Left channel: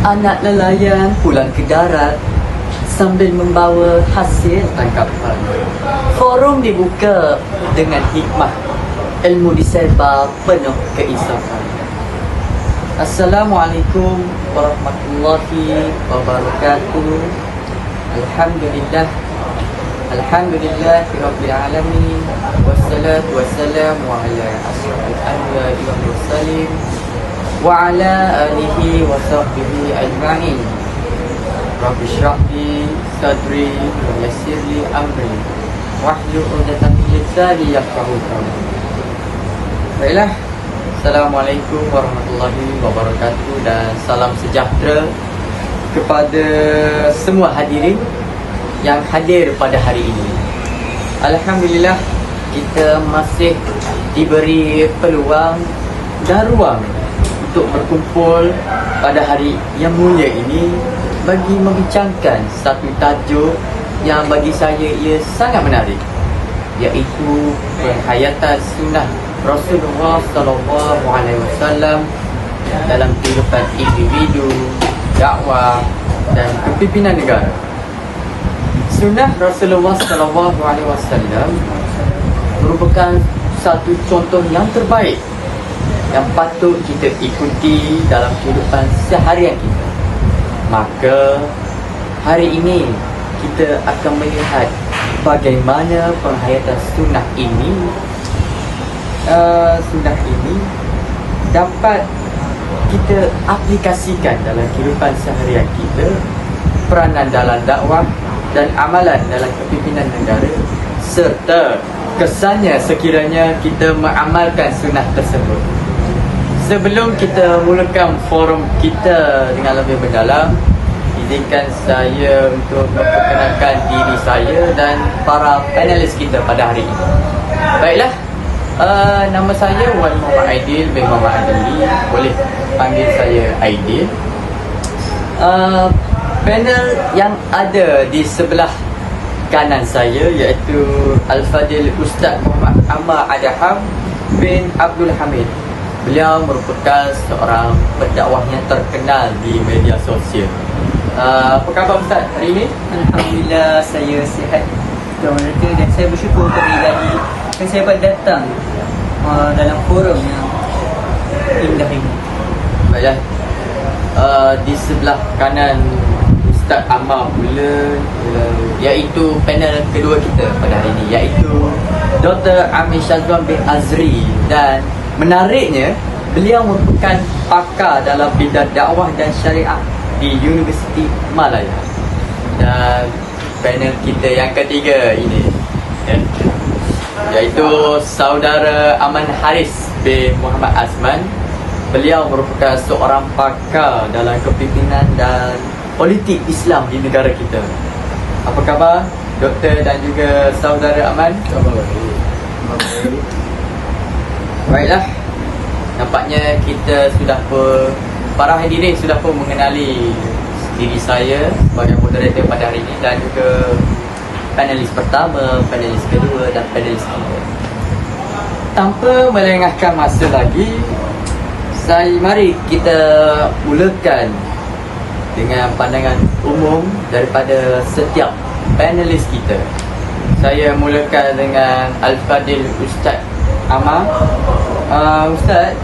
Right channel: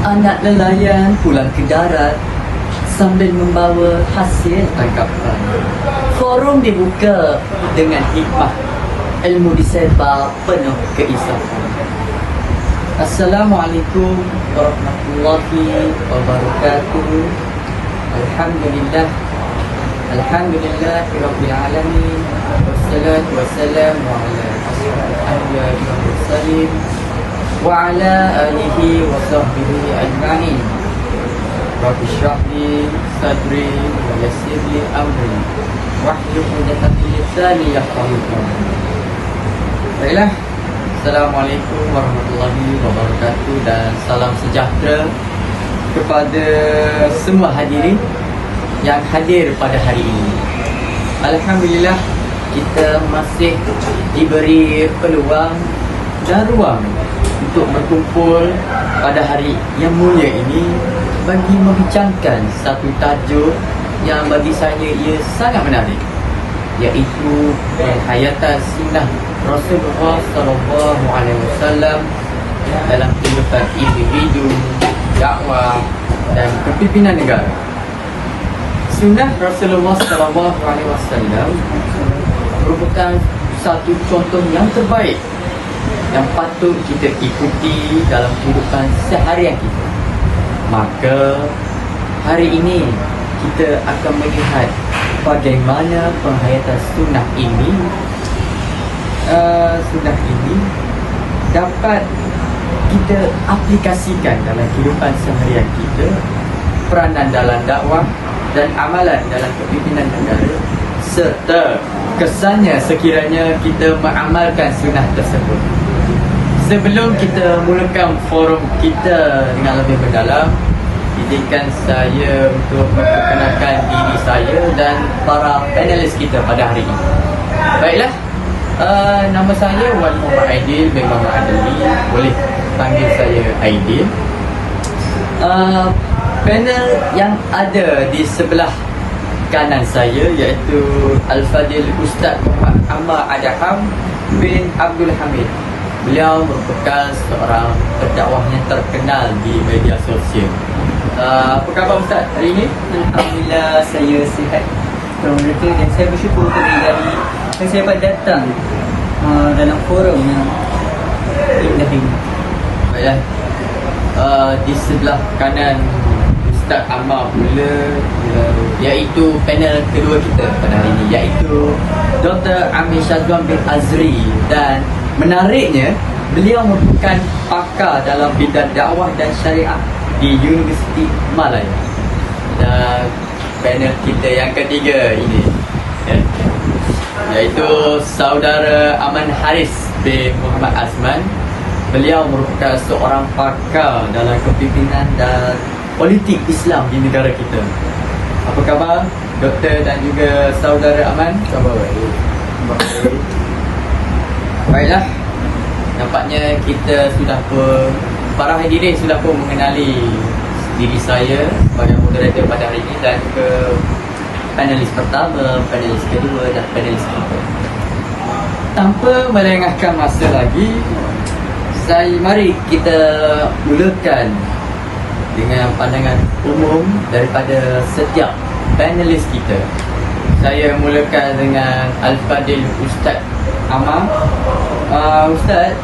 Anak nelayan pulang ke darat sambil membawa hasil tangkapan. Forum dibuka dengan hikmah, ilmu disebar penuh keinsafan. Assalamualaikum warahmatullahi wabarakatuh. Alhamdulillah, Rabbil alamin. Wassalatu wassalamu ala asyrafil anbiya'i wal mursalin wa ala alihi wa sahbihi ajma'in. Rabbi shrah li sadri wa yassir li amri wahlul 'uqdatam min lisani yafqahu qawli. Baiklah, Assalamualaikum warahmatullahi wabarakatuh dan salam sejahtera kepada semua hadirin yang hadir pada hari ini. Alhamdulillah, kita masih diberi peluang dan ruang untuk berkumpul pada hari yang mulia ini bagi membincangkan satu tajuk yang bagi saya ia sangat menarik, iaitu penghayatan sunnah Rasulullah SAW dalam kehidupan individu, dakwah dan kepimpinan negara. Sunnah Rasulullah SAW merupakan satu contoh yang terbaik yang patut kita ikuti dalam kehidupan seharian kita. Maka hari ini kita akan melihat bagaimana penghayatan sunnah ini dapat kita aplikasikan dalam kehidupan seharian kita, peranan dalam dakwah dan amalan dalam kepimpinan negara, serta kesannya sekiranya kita mengamalkan sunnah tersebut. Sebelum kita mulakan forum kita dengan lebih mendalam, izinkan saya untuk memperkenalkan diri saya dan para panelis kita pada hari ini. Baiklah, nama saya Wali Muhammad Aidil bin Muhammad Adili. Boleh panggil saya Aidil. Panel yang ada di sebelah kanan saya iaitu Al-Fadil Ustaz Muhammad Ahmad Adham bin Abdul Hamid. Beliau merupakan seorang pendakwah yang terkenal di media sosial. Apa khabar Ustaz hari ini? Alhamdulillah, saya sihat dan saya bersyukur kerana saya dapat datang dalam forum yang indah ini. Baiklah, di sebelah kanan Ustaz Ahmad pula, iaitu panel kedua kita pada hari ini, iaitu Dr. Amir Syazwan bin Azri. Dan menariknya, beliau merupakan pakar dalam bidang dakwah dan syariah di Universiti Malaya. Dan panel kita yang ketiga ini, iaitu Saudara Aman Haris bin Muhammad Azman. Beliau merupakan seorang pakar dalam kepimpinan dan politik Islam di negara kita. Apa khabar Doktor dan juga Saudara Aman? Khabar baik. Baiklah, nampaknya kita sudah pun, para hadirin sudah pun mengenali diri saya sebagai moderator pada hari ini dan juga panelis pertama, panelis kedua dan panelis ketiga. Tanpa melengahkan masa lagi, mari kita mulakan dengan pandangan umum daripada setiap panelis kita. Saya mulakan dengan Al-Fadil Ustaz Ahmad. Ustaz,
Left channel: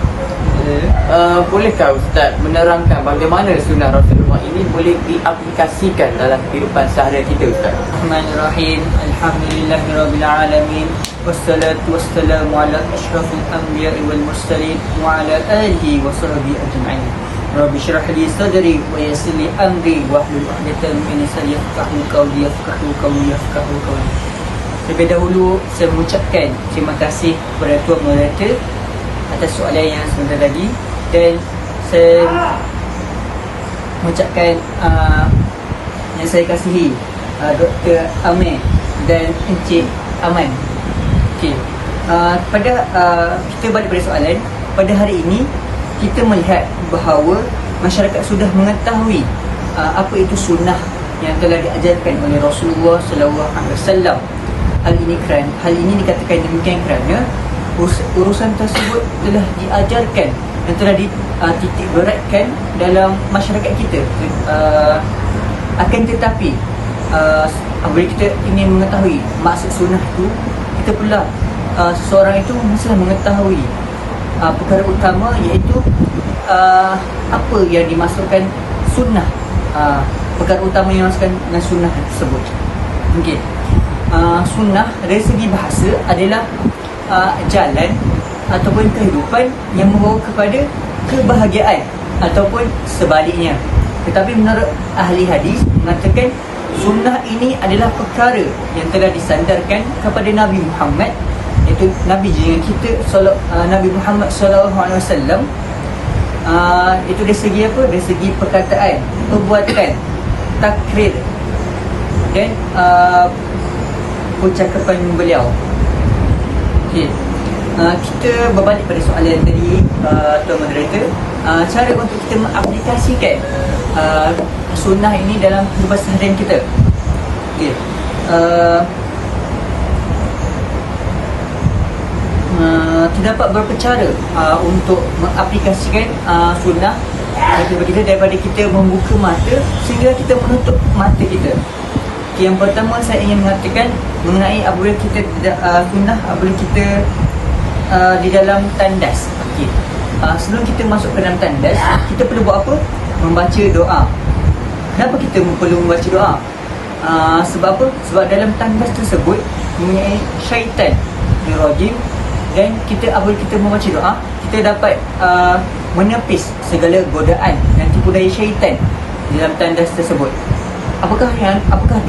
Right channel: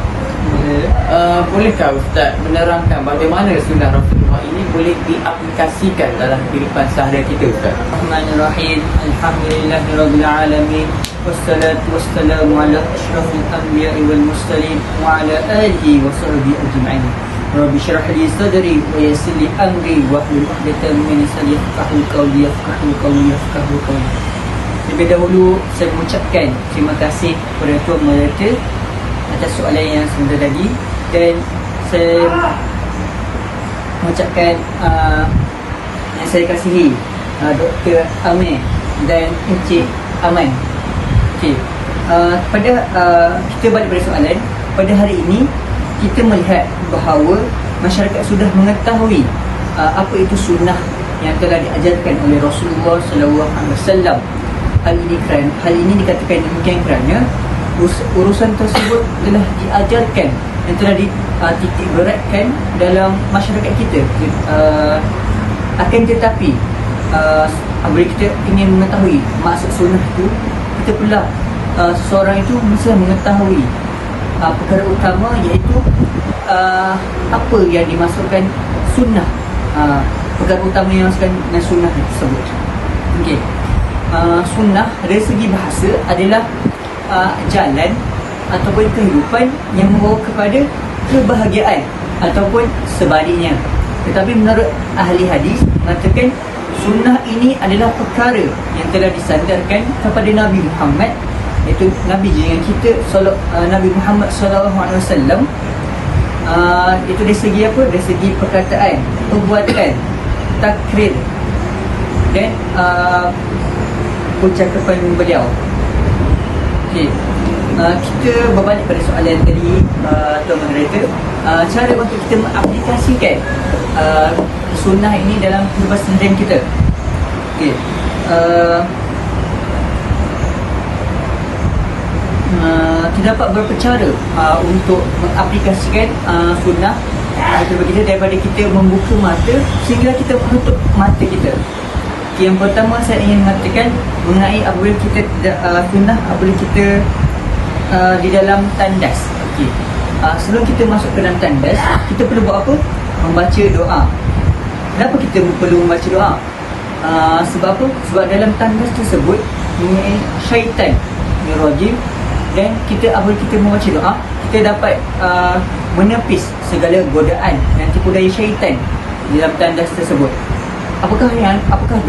bolehkah Ustaz menerangkan bagaimana sunnah Rasulullah ini boleh diaplikasikan dalam kehidupan seharian kita, Ustaz? Bismillahirrahmanirrahim. Alhamdulillahirabbil alamin. Wassalatu wassalamu ala asyrafil anbiya'i wal mursalin wa ala alihi wa sahbihi ajma'in. Rabbi shrah li sadri wa yassir li amri wahlul 'uqdatam min lisani yafqahu qawli. Terlebih dahulu saya mengucapkan terima kasih kepada Tuan Moderator atas soalan yang sebentar tadi, dan saya mengucapkan yang saya kasihi Dr. Amir dan Encik Aman. Okey, kita balik pada soalan. Pada hari ini kita melihat bahawa masyarakat sudah mengetahui apa itu sunnah yang telah diajarkan oleh Rasulullah SAW. Hal ini dikatakan demikian kerana urusan tersebut telah diajarkan yang telah dititik beratkan dalam masyarakat kita. Akan tetapi apabila kita ingin mengetahui maksud sunnah itu, kita pula seseorang itu mesti mengetahui perkara utama, iaitu apa yang dimasukkan sunnah, perkara utama yang dimasukkan dengan sunnah tersebut. Okey. Sunnah dari segi bahasa adalah jalan ataupun kehidupan yang membawa kepada kebahagiaan ataupun sebaliknya. Tetapi menurut ahli hadis mengatakan sunnah ini adalah perkara yang telah disandarkan kepada Nabi Muhammad, iaitu Nabi dengan kita, Nabi Muhammad SAW. Itu dari segi apa? Dari segi perkataan, perbuatan, takrir dan ucapan beliau. Okay. Kita berbalik pada soalan tadi, Tuan Moderator. Cara untuk kita mengaplikasikan sunnah ini dalam kehidupan seharian kita. Okay. Terdapat beberapa cara untuk mengaplikasikan sunnah kehidupan kita, daripada kita membuka mata sehingga kita menutup mata kita. Yang pertama saya ingin mengatakan mengenai apabila kita sunnah apabila kita di dalam tandas. Okey. Sebelum kita masuk ke dalam tandas, kita perlu buat apa? Membaca doa. Kenapa kita perlu membaca doa? Sebab apa? Sebab dalam tandas tersebut mengenai syaitan rajim, dan kita apabila kita membaca doa, kita dapat menepis segala godaan dan tipu daya syaitan di dalam tandas tersebut. Apakah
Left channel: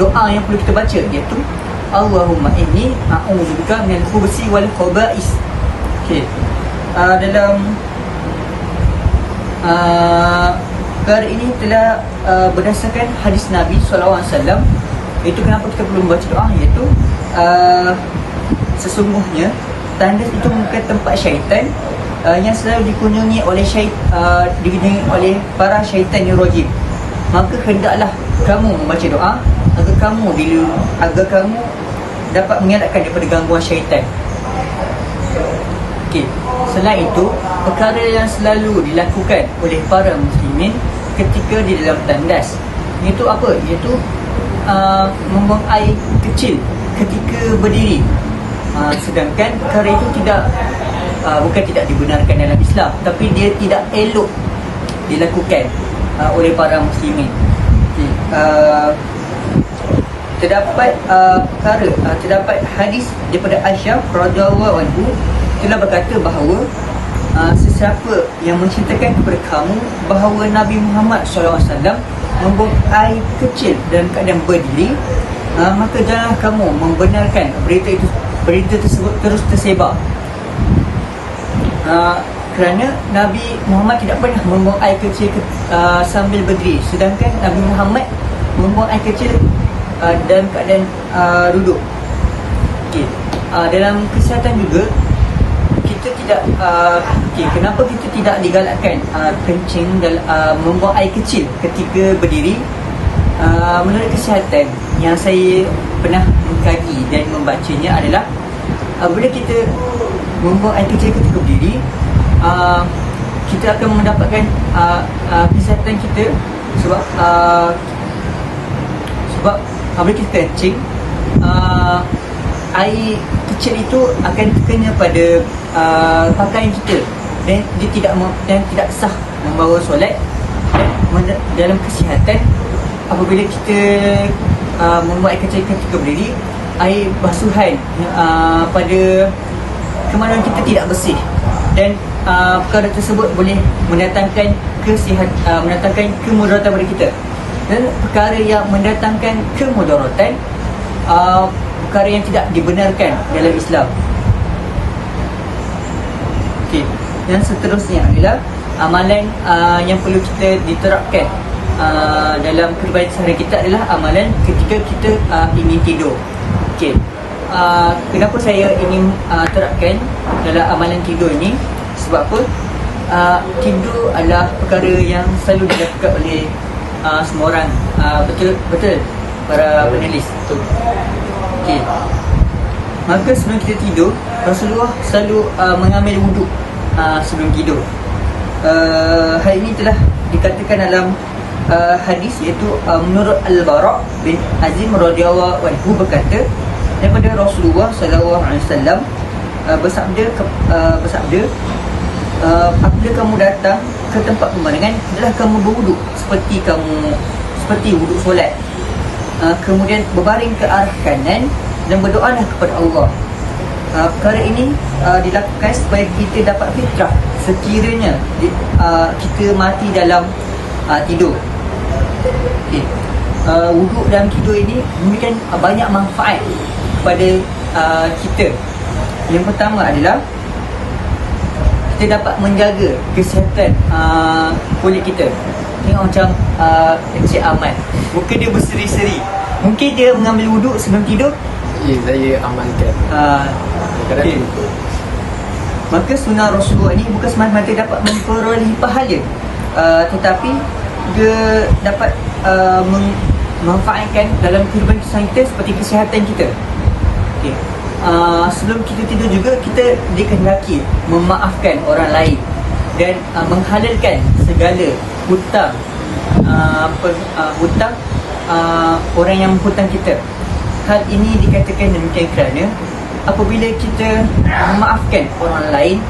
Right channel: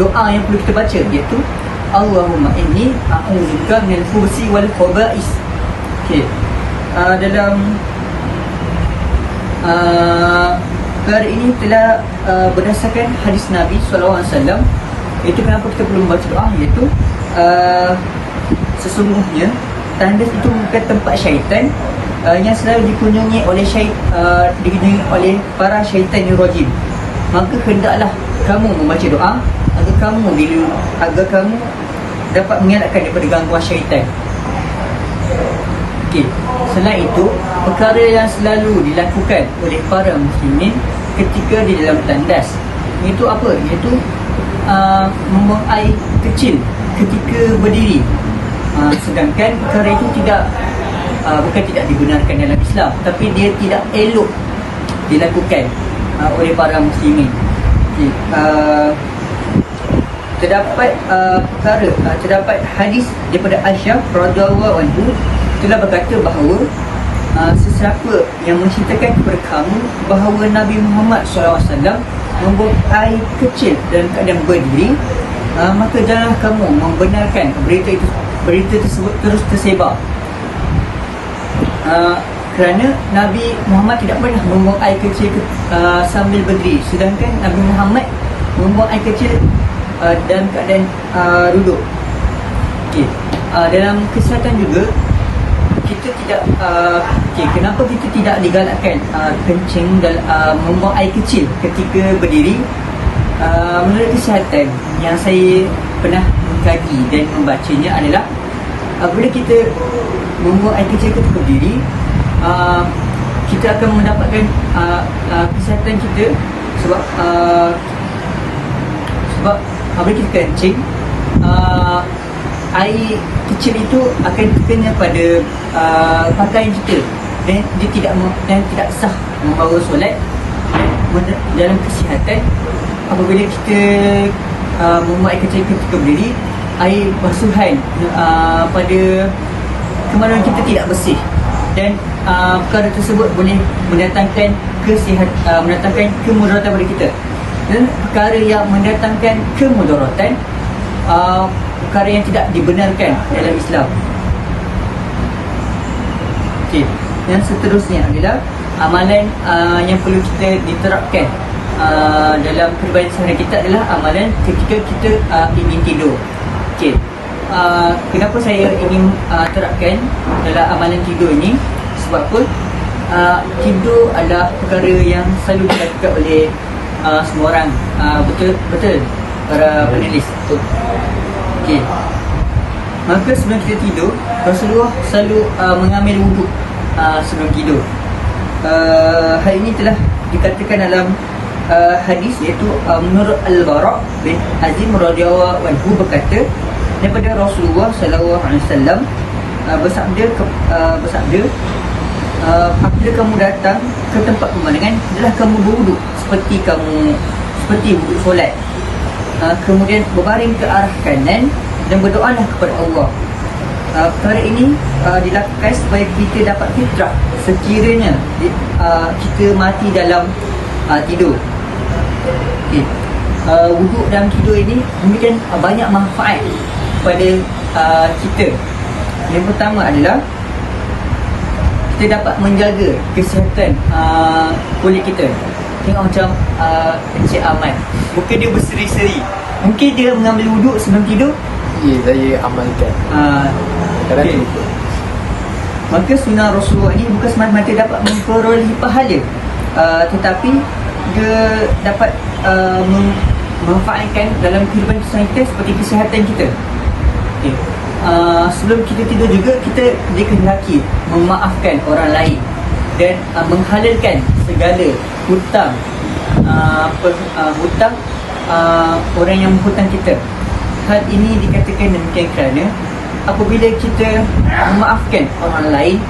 doa yang perlu kita baca? Iaitu Allahumma inni a'udzubika minal khubuthi wal khaba'is. Okey. Dalam perkara ini telah berdasarkan hadis Nabi SAW. Itu kenapa kita perlu membaca doa, iaitu sesungguhnya tandas itu bukan tempat syaitan yang selalu dikunjungi oleh para syaitan yang rajim. Maka hendaklah kamu membaca doa agar kamu dapat mengelakkan daripada gangguan syaitan. Okey. Selain itu, perkara yang selalu dilakukan oleh para muslimin ketika di dalam tandas, iaitu apa? Iaitu membuang air kecil ketika berdiri. Sedangkan perkara itu bukan tidak dibenarkan dalam Islam, tapi dia tidak elok dilakukan oleh para muslimin. Okay. Terdapat hadis daripada Aisyah radhiyallahu anha telah berkata bahawa sesiapa yang menceritakan kepada kamu bahawa Nabi Muhammad SAW membuang air kecil dalam keadaan berdiri, maka janganlah kamu membenarkan berita tersebut terus tersebar. Kerana Nabi Muhammad tidak pernah membuang air kecil sambil berdiri, sedangkan Nabi Muhammad membuang air kecil dalam keadaan duduk. Okay. Dalam kesihatan juga kita tidak kenapa kita tidak digalakkan kencing membuang air kecil ketika berdiri? Menurut kesihatan yang saya pernah mengkaji dan membacanya adalah apabila kita membuang air kecil ketika berdiri, kita akan mendapatkan kesihatan kita, sebab apabila kita kencing, air kecil itu akan kena pada pakaian kita, dan dia tidak sah membawa solat. Dalam kesihatan, apabila kita membuat air kecil ketika berdiri, air basuhan pada kemaluan kita tidak bersih, dan perkara tersebut boleh mendatangkan kemudaratan pada kita. Dan perkara yang mendatangkan kemudaratan, perkara yang tidak dibenarkan dalam Islam. Okey. Yang seterusnya adalah amalan yang perlu kita diterapkan dalam kehidupan sehari kita adalah amalan ketika kita ingin tidur. Okey. Kenapa saya ingin terapkan dalam amalan tidur ini? Sebab apa? Tidur adalah perkara yang selalu dilakukan oleh semua orang. Betul para panelis. Okey. Maka sebelum kita tidur, Rasulullah selalu mengambil wuduk sebelum tidur. hal ini telah dikatakan dalam hadis, iaitu menurut Al-Bara' bin Azim radhiyallahu anhu berkata daripada Rasulullah sallallahu alaihi wasallam bersabda, apabila kamu datang ke tempat pemandangan, adalah kamu berwuduk seperti wuduk solat, kemudian berbaring ke arah kanan dan berdoalah kepada Allah. Perkara ini dilakukan supaya kita dapat fitrah sekiranya kita mati dalam tidur. Wuduk dalam tidur ini memberikan banyak manfaat kepada kita. Yang pertama adalah kita dapat menjaga kesihatan kulit kita. Tengok macam Encik Ahmad, muka dia berseri-seri. Mungkin dia mengambil wuduk sebelum tidur. Saya amalkan. Kadang Okey. lupa. Maka sunnah Rasulullah ini bukan semata-mata dapat memperolehi pahala, tetapi dia dapat memanfaatkan dalam kehidupan kita seperti kesihatan kita. Okay. Sebelum kita tidur juga, kita dikehendaki memaafkan orang lain dan menghalalkan segala hutang orang yang menghutang kita. Hal ini dikatakan demikian kerana apabila kita memaafkan orang lain,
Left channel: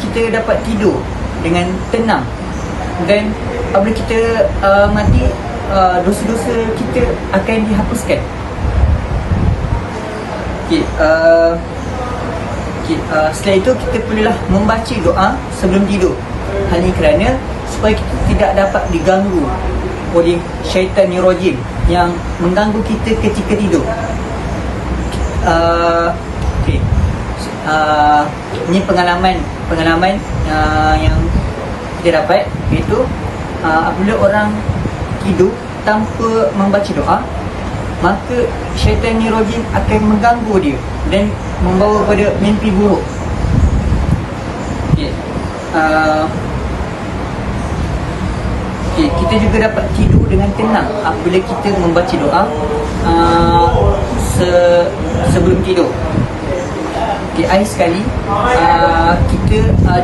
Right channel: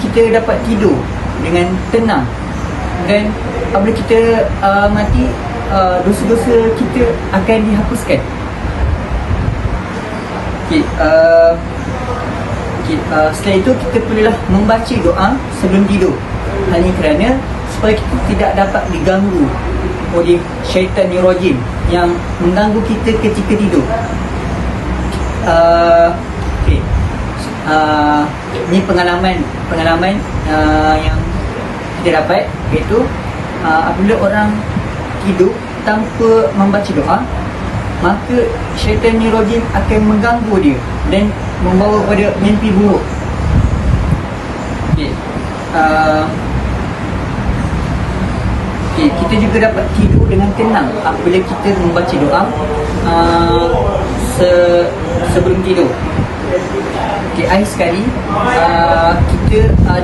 kita dapat tidur dengan tenang, dan apabila kita mati, dosa-dosa kita akan dihapuskan. Setelah itu kita perlulah membaca doa sebelum tidur. Hal ini kerana supaya kita tidak dapat diganggu oleh syaitan rajim yang mengganggu kita ketika tidur. Ini pengalaman yang kita dapat, iaitu apabila orang tidur tanpa membaca doa, maka syaitan rajim akan mengganggu dia dan membawa kepada mimpi buruk. Kita juga dapat tidur dengan tenang apabila kita membaca doa sebelum tidur. Akhir sekali, kita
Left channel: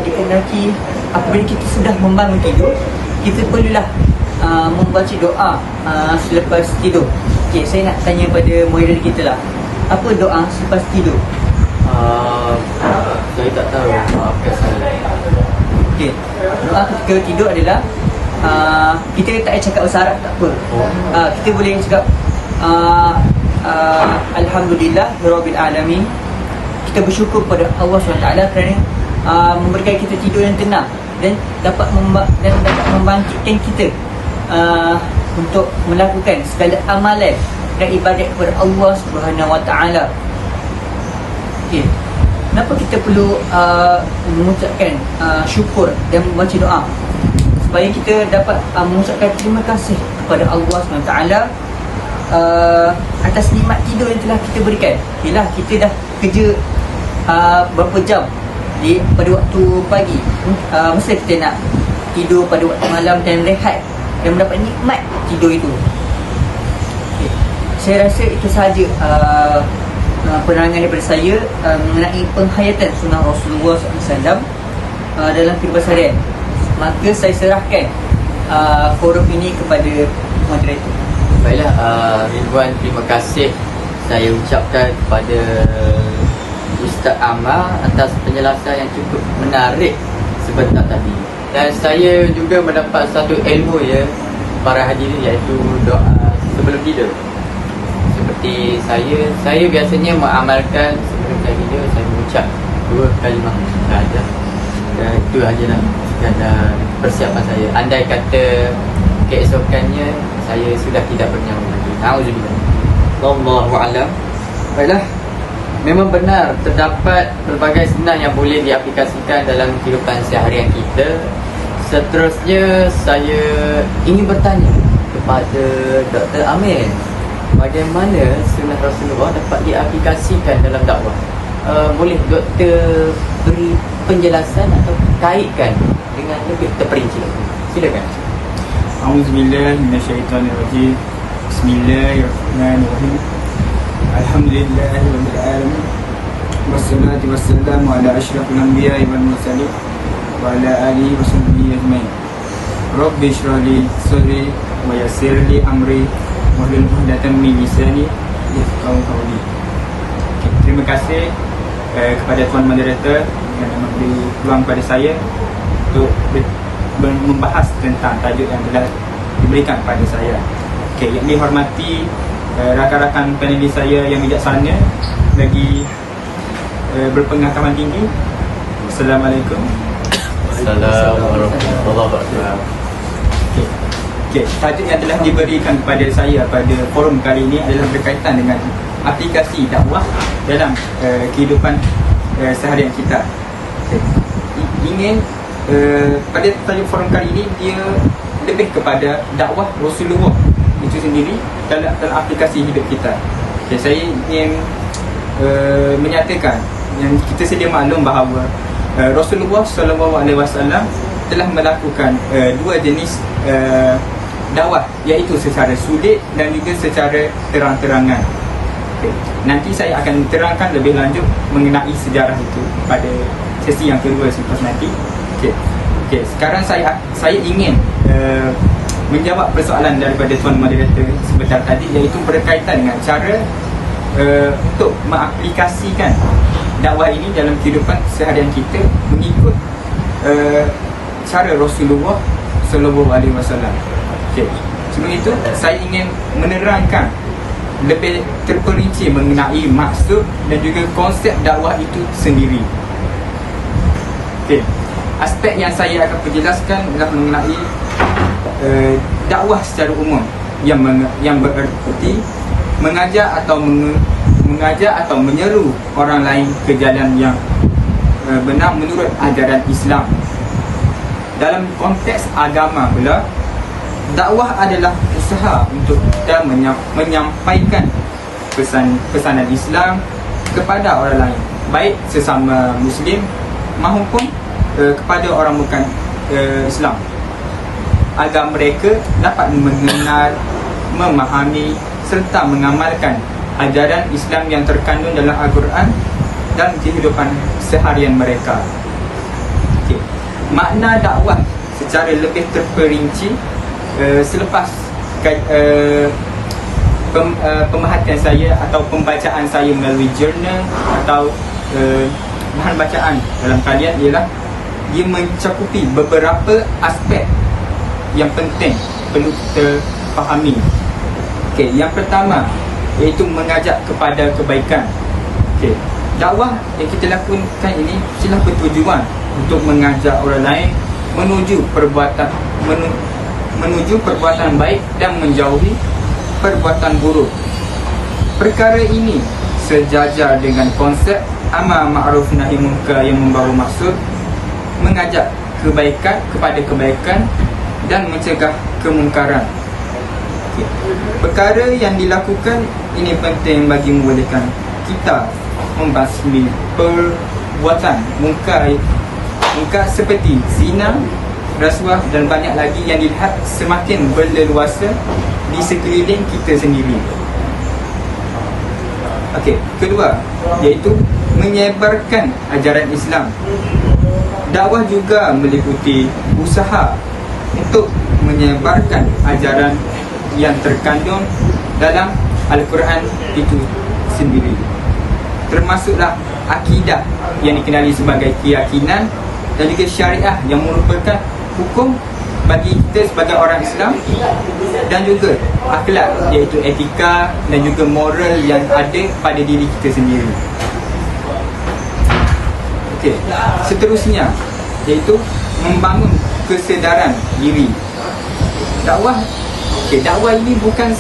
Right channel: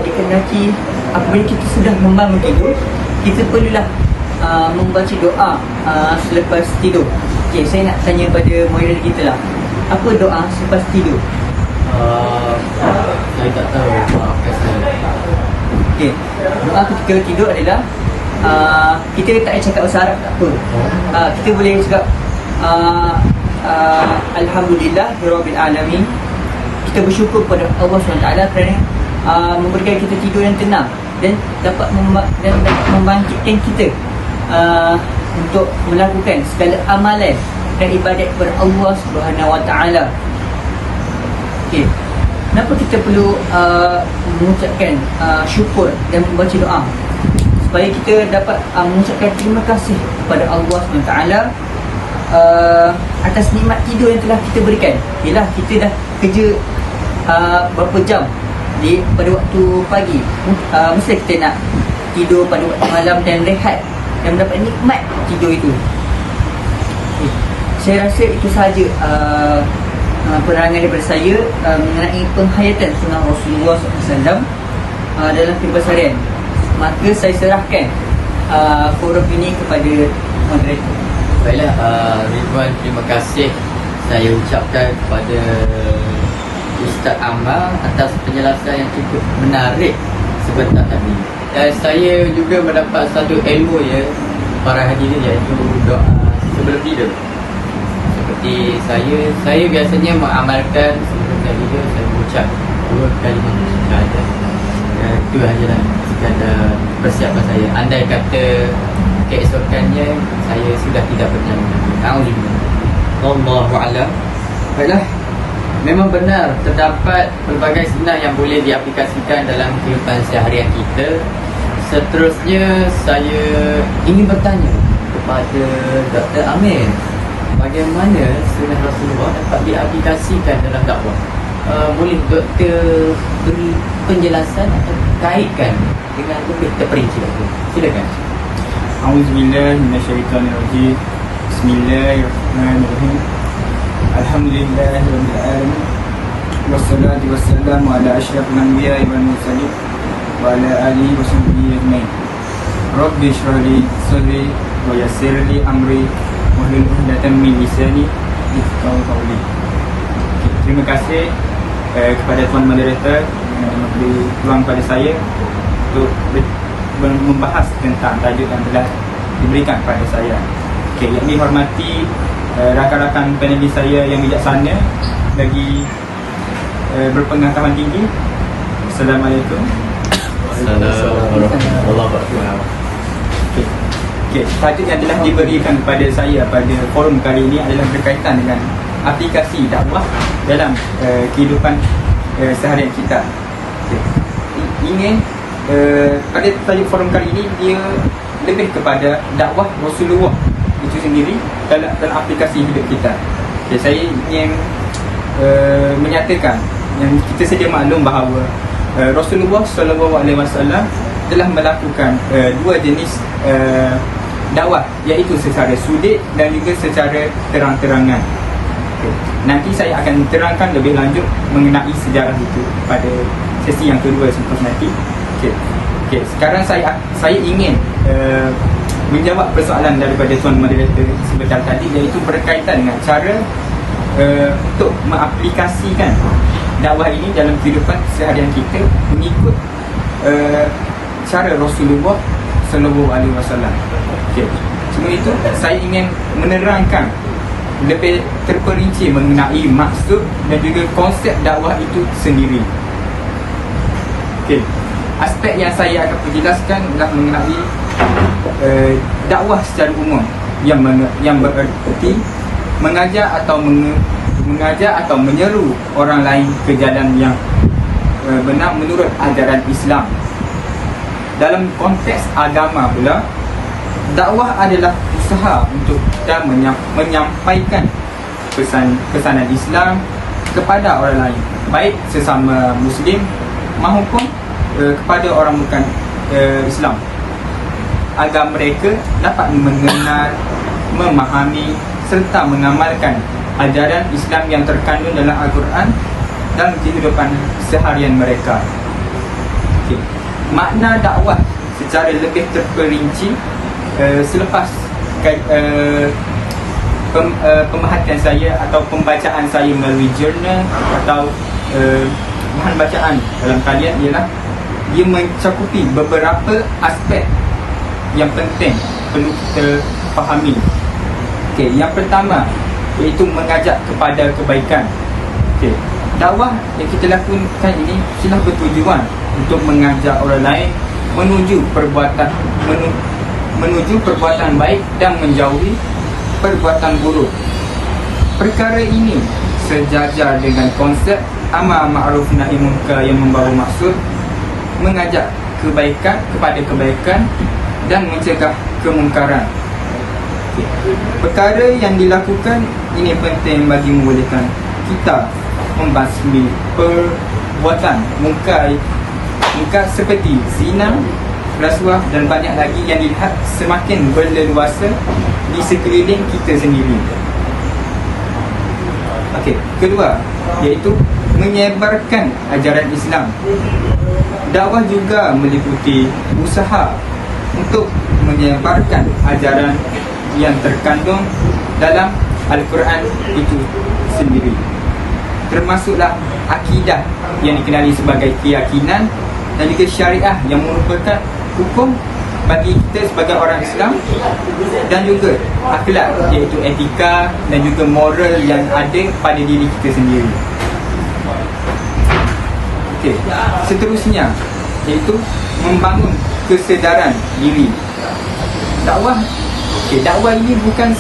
dikehendaki apabila kita sudah membangun tidur, kita perlulah membaca doa selepas tidur. Saya nak tanya pada moderator kita lah, apa doa selepas tidur? Saya tak tahu, maafkan saya. Doa ketika tidur adalah kita tak cakap bahasa Arab, tak apa. Kita boleh cakap Alhamdulillah Rabbil Alamin. Kita bersyukur kepada Allah SWT kerana memberikan kita tidur yang tenang dan dapat membangkitkan kita untuk melakukan segala amalan dan ibadat kepada Allah SWT. Kenapa kita perlu mengucapkan syukur dan membaca doa? Supaya kita dapat mengucapkan terima kasih kepada Allah SWT atas nikmat tidur yang telah kita berikan. Yalah, kita dah kerja berapa jam pada waktu pagi, mesti kita nak tidur pada waktu malam dan rehat dan mendapat nikmat tidur itu. Saya rasa itu sahaja penerangan daripada saya mengenai penghayatan sunnah Rasulullah SAW dalam kehidupan seharian. Maka saya serahkan forum ini kepada moderator. Baiklah, ribuan terima kasih saya ucapkan kepada Ustaz Ammar atas penjelasan yang cukup menarik sebentar tadi. Dan saya juga mendapat satu ilmu ya para hadirin, iaitu doa sebelum tidur. Seperti saya biasanya mengamalkan sebelum saya tidur, saya mengucap 2 kalimah syahadat. Itu sajalah sekadar persiapan saya. Andai kata keesokannya saya sudah tidak bernyawa lagi. Alhamdulillah. Wallahu a'lam. Baiklah, memang benar terdapat pelbagai sunnah yang boleh diaplikasikan dalam kehidupan seharian kita. Seterusnya saya ingin bertanya kepada Dr. Amir, bagaimana sunnah Rasulullah dapat diaplikasikan dalam dakwah? Boleh doktor beri penjelasan atau kaitkan dengan lebih terperinci? Silakan. A'udzubillahi minasyaitonirrajim. Bismillahirrahmanirrahim. Alhamdulillahirabbil alamin. Wassalatu wassalamu ala asyrafil anbiya'i wal mursalin wa ala alihi wa sahbihi ajma'in. Rabbi shrah li sadri wa yassir li amri wahlul 'uqdatam min lisani yafqahu qawli. Okay, terima kasih kepada tuan moderator kerana memberi peluang pada saya untuk membahas tentang tajuk yang telah diberikan kepada saya. Okay, yang dihormati rakan-rakan panelis saya yang bijaksana lagi berpengetahuan tinggi. Assalamualaikum. Okay, tajuk yang telah diberikan kepada saya pada forum kali ini adalah berkaitan dengan aplikasi dakwah dalam kehidupan seharian kita. Okay. Ingin pada tajuk forum kali ini dia lebih kepada dakwah Rasulullah itu sendiri dalam aplikasi hidup kita. Okay, saya ingin menyatakan yang kita sedia maklum bahawa Rasulullah SAW telah melakukan dua jenis dakwah, iaitu secara sulit dan juga secara terang-terangan. Okay. Nanti saya akan terangkan lebih lanjut mengenai sejarah itu pada sesi yang kedua selepas nanti. Okay. Sekarang saya ingin menjawab persoalan daripada tuan moderator sebentar tadi, iaitu berkaitan dengan cara untuk mengaplikasikan dakwah ini dalam kehidupan seharian kita mengikut cara Rasulullah SAW. Okay. Sebelum itu saya ingin menerangkan lebih terperinci mengenai maksud dan juga konsep dakwah itu sendiri. Okay. Aspek yang saya akan perjelaskan adalah mengenai dakwah secara umum yang bererti mengajar atau menyeru orang lain ke jalan yang benar menurut ajaran Islam. Dalam konteks agama pula, dakwah adalah usaha untuk kita menyampaikan pesanan Islam kepada orang lain, baik sesama Muslim maupun kepada orang bukan Islam, agar mereka dapat mengenal, memahami serta mengamalkan ajaran Islam yang terkandung dalam Al-Quran dalam kehidupan seharian mereka. Okay. Makna dakwah secara lebih terperinci selepas pemerhatian saya atau pembacaan saya melalui jurnal atau bahan bacaan dalam talian ialah ia mencakupi beberapa aspek yang penting perlu kita fahami. Okay, yang pertama iaitu mengajak kepada kebaikan. Okay, dakwah yang kita lakukan ini sudah bertujuan untuk mengajak orang lain menuju perbuatan baik dan menjauhi perbuatan buruk. Perkara ini sejajar dengan konsep amar ma'ruf nahi munkar yang membawa maksud mengajak kebaikan kepada kebaikan dan mencegah kemungkaran. Okay. Perkara yang dilakukan ini penting bagi membolehkan kita membasmi perbuatan mungkar seperti zina, rasuah dan banyak lagi yang dilihat semakin berleluasa di sekeliling kita sendiri. Okey, kedua iaitu menyebarkan ajaran Islam. Dakwah juga meliputi usaha untuk menyebarkan ajaran yang terkandung dalam Al-Quran itu sendiri, termasuklah akidah yang dikenali sebagai keyakinan dan juga syariah yang merupakan hukum bagi kita sebagai orang Islam, dan juga akhlak iaitu etika dan juga moral yang ada pada diri kita sendiri. Okey, seterusnya iaitu membangun kesedaran diri. Dakwah ini bukan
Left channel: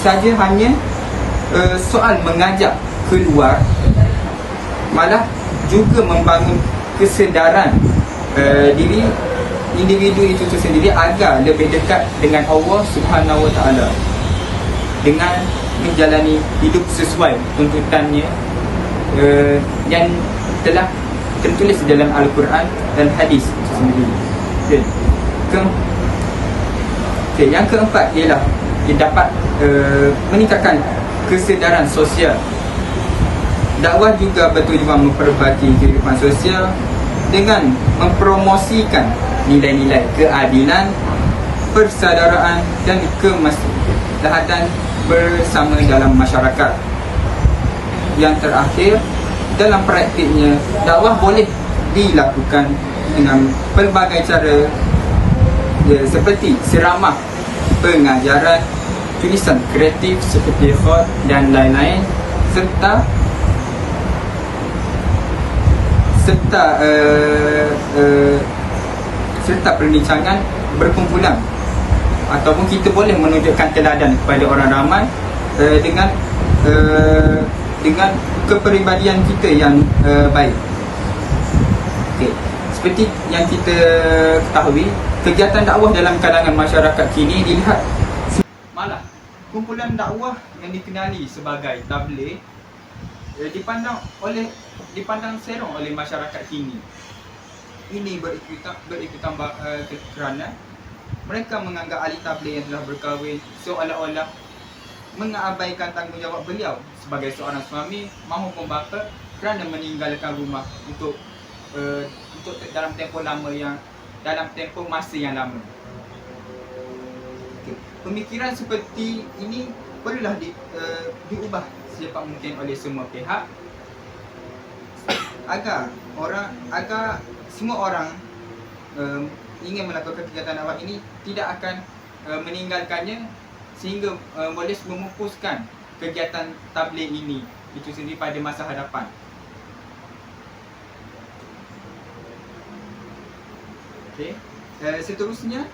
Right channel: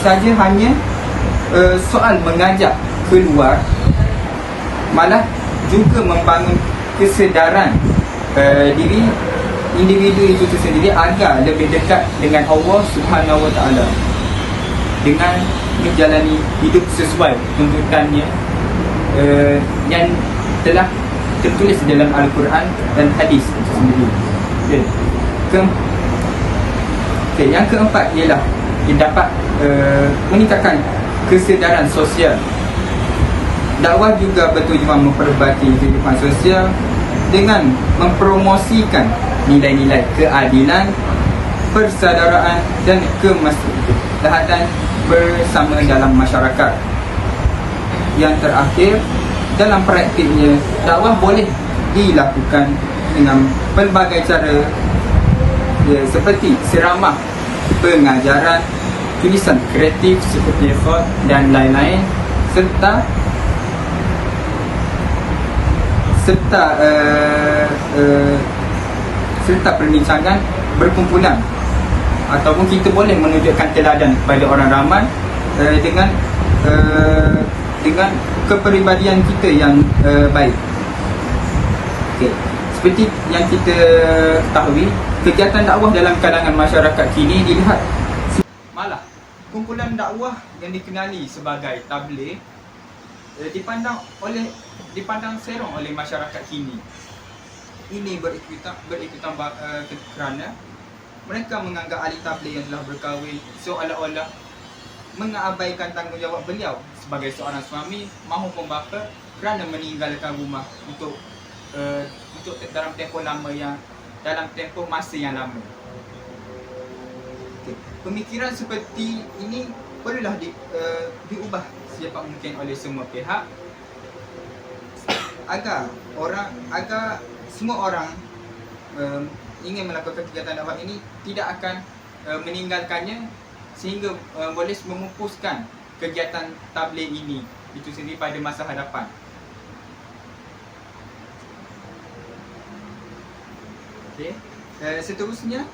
saja hanya soal mengajak keluar, malah juga membangun kesedaran diri individu itu sendiri agar lebih dekat dengan Allah Subhanahu Wa Taala dengan menjalani hidup sesuai tuntutannya yang telah tertulis dalam Al-Quran dan hadis itu sendiri. Yang keempat ialah ia dapat meningkatkan kesedaran sosial. Dakwah juga bertujuan memperbaiki kehidupan sosial dengan mempromosikan nilai-nilai keadilan, persaudaraan dan kemaslahatan bersama dalam masyarakat. Yang terakhir, dalam praktiknya, dakwah boleh dilakukan dengan pelbagai cara, seperti ceramah, pengajaran, tulisan kreatif seperti khat dan lain-lain, serta perbincangan berkumpulan. Ataupun kita boleh menunjukkan teladan kepada orang ramai dengan kepribadian kita yang baik. Okay. Seperti yang kita ketahui, kegiatan dakwah dalam kalangan masyarakat kini dilihat malah kumpulan dakwah yang dikenali sebagai tabligh dipandang serong oleh masyarakat kini. Ini berikutan kerana mereka menganggap ahli tabligh yang telah berkahwin seolah-olah mengabaikan tanggungjawab beliau sebagai seorang suami maupun bapa kerana meninggalkan rumah untuk dalam tempoh masa yang lama. Okay. Pemikiran seperti ini perlulah diubah secepat mungkin oleh semua pihak agar semua orang ingin melakukan kegiatan dakwah ini tidak akan meninggalkannya, sehingga boleh memupuskan kegiatan tabligh ini itu sendiri pada masa hadapan. Okay. Seterusnya,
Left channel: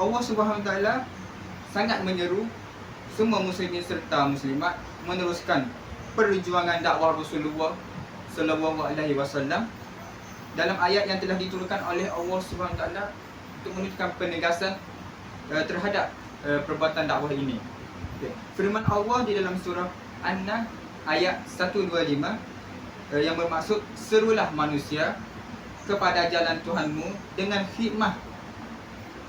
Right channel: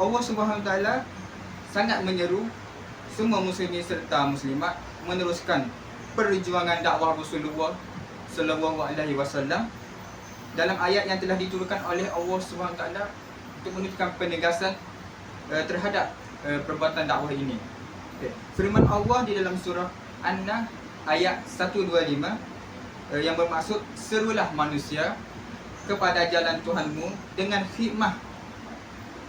Allah SWT sangat menyeru semua muslimin serta muslimat meneruskan perjuangan dakwah Rasulullah SAW dalam ayat yang telah diturunkan oleh Allah SWT untuk menunjukkan penegasan terhadap perbuatan dakwah ini. Okay. Firman Allah di dalam surah An-Nahl ayat 125 yang bermaksud, serulah manusia kepada jalan Tuhanmu dengan hikmah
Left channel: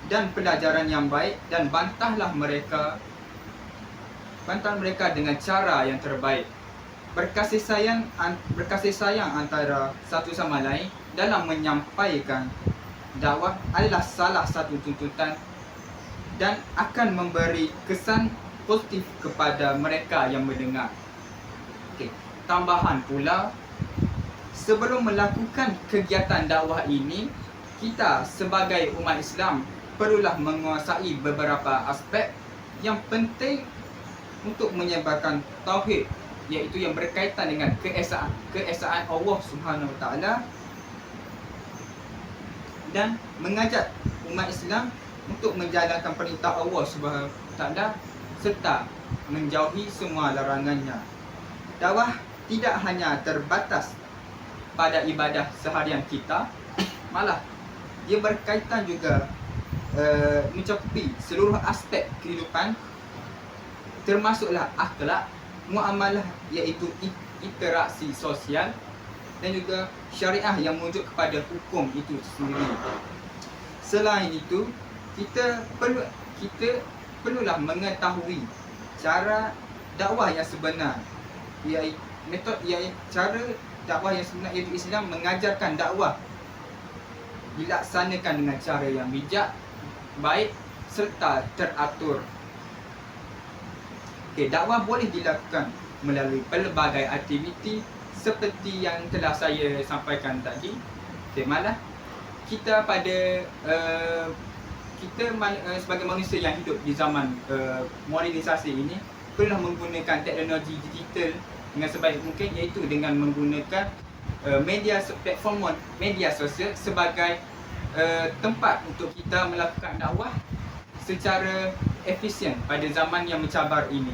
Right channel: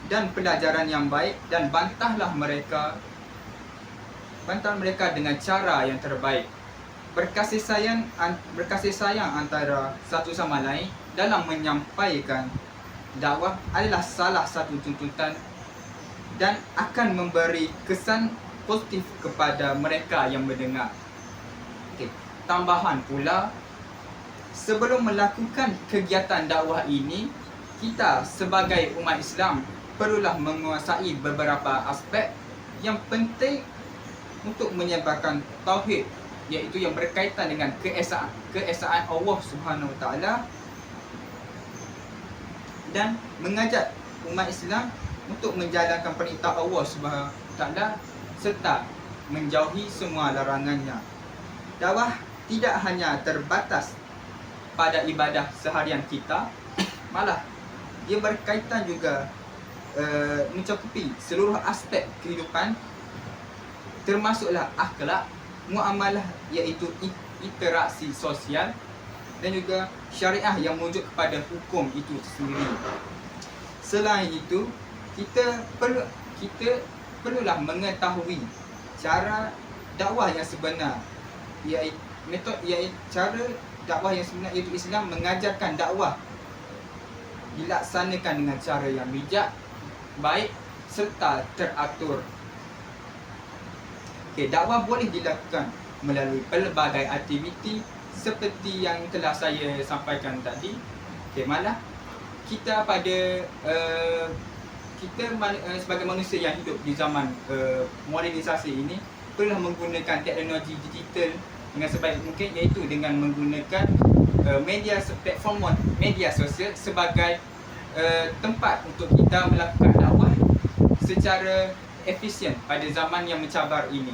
dan pelajaran yang baik, dan bantahlah mereka dengan cara yang terbaik. Berkasih sayang antara satu sama lain dalam menyampaikan dakwah adalah salah satu tuntutan dan akan memberi kesan positif kepada mereka yang mendengar. Okay. Tambahan pula, sebelum melakukan kegiatan dakwah ini, kita sebagai umat Islam perlulah menguasai beberapa aspek yang penting untuk menyebarkan tauhid, iaitu yang berkaitan dengan keesaan Allah Subhanahu Wa Taala, dan mengajak umat Islam untuk menjalankan perintah Allah Subhanahu Wa Taala serta menjauhi semua larangannya. Dakwah tidak hanya terbatas pada ibadah seharian kita, malah dia berkaitan juga mencakupi seluruh aspek kehidupan, termasuklah akhlak, muamalah iaitu interaksi sosial, dan juga syariah yang merujuk kepada hukum itu sendiri. Selain itu, kita perlulah mengetahui cara dakwah yang sebenar, iaitu cara dakwah yang sebenar, iaitu Islam mengajarkan dakwah dilaksanakan dengan cara yang bijak, baik serta teratur. Okay, dakwah boleh dilakukan melalui pelbagai aktiviti seperti yang telah saya sampaikan tadi. Okay, malah kita sebagai manusia yang hidup di zaman modernisasi ini perlulah menggunakan teknologi digital dengan sebaik mungkin, iaitu dengan menggunakan platform media sosial sebagai tempat untuk kita melakukan dakwah secara efisien pada zaman yang mencabar ini.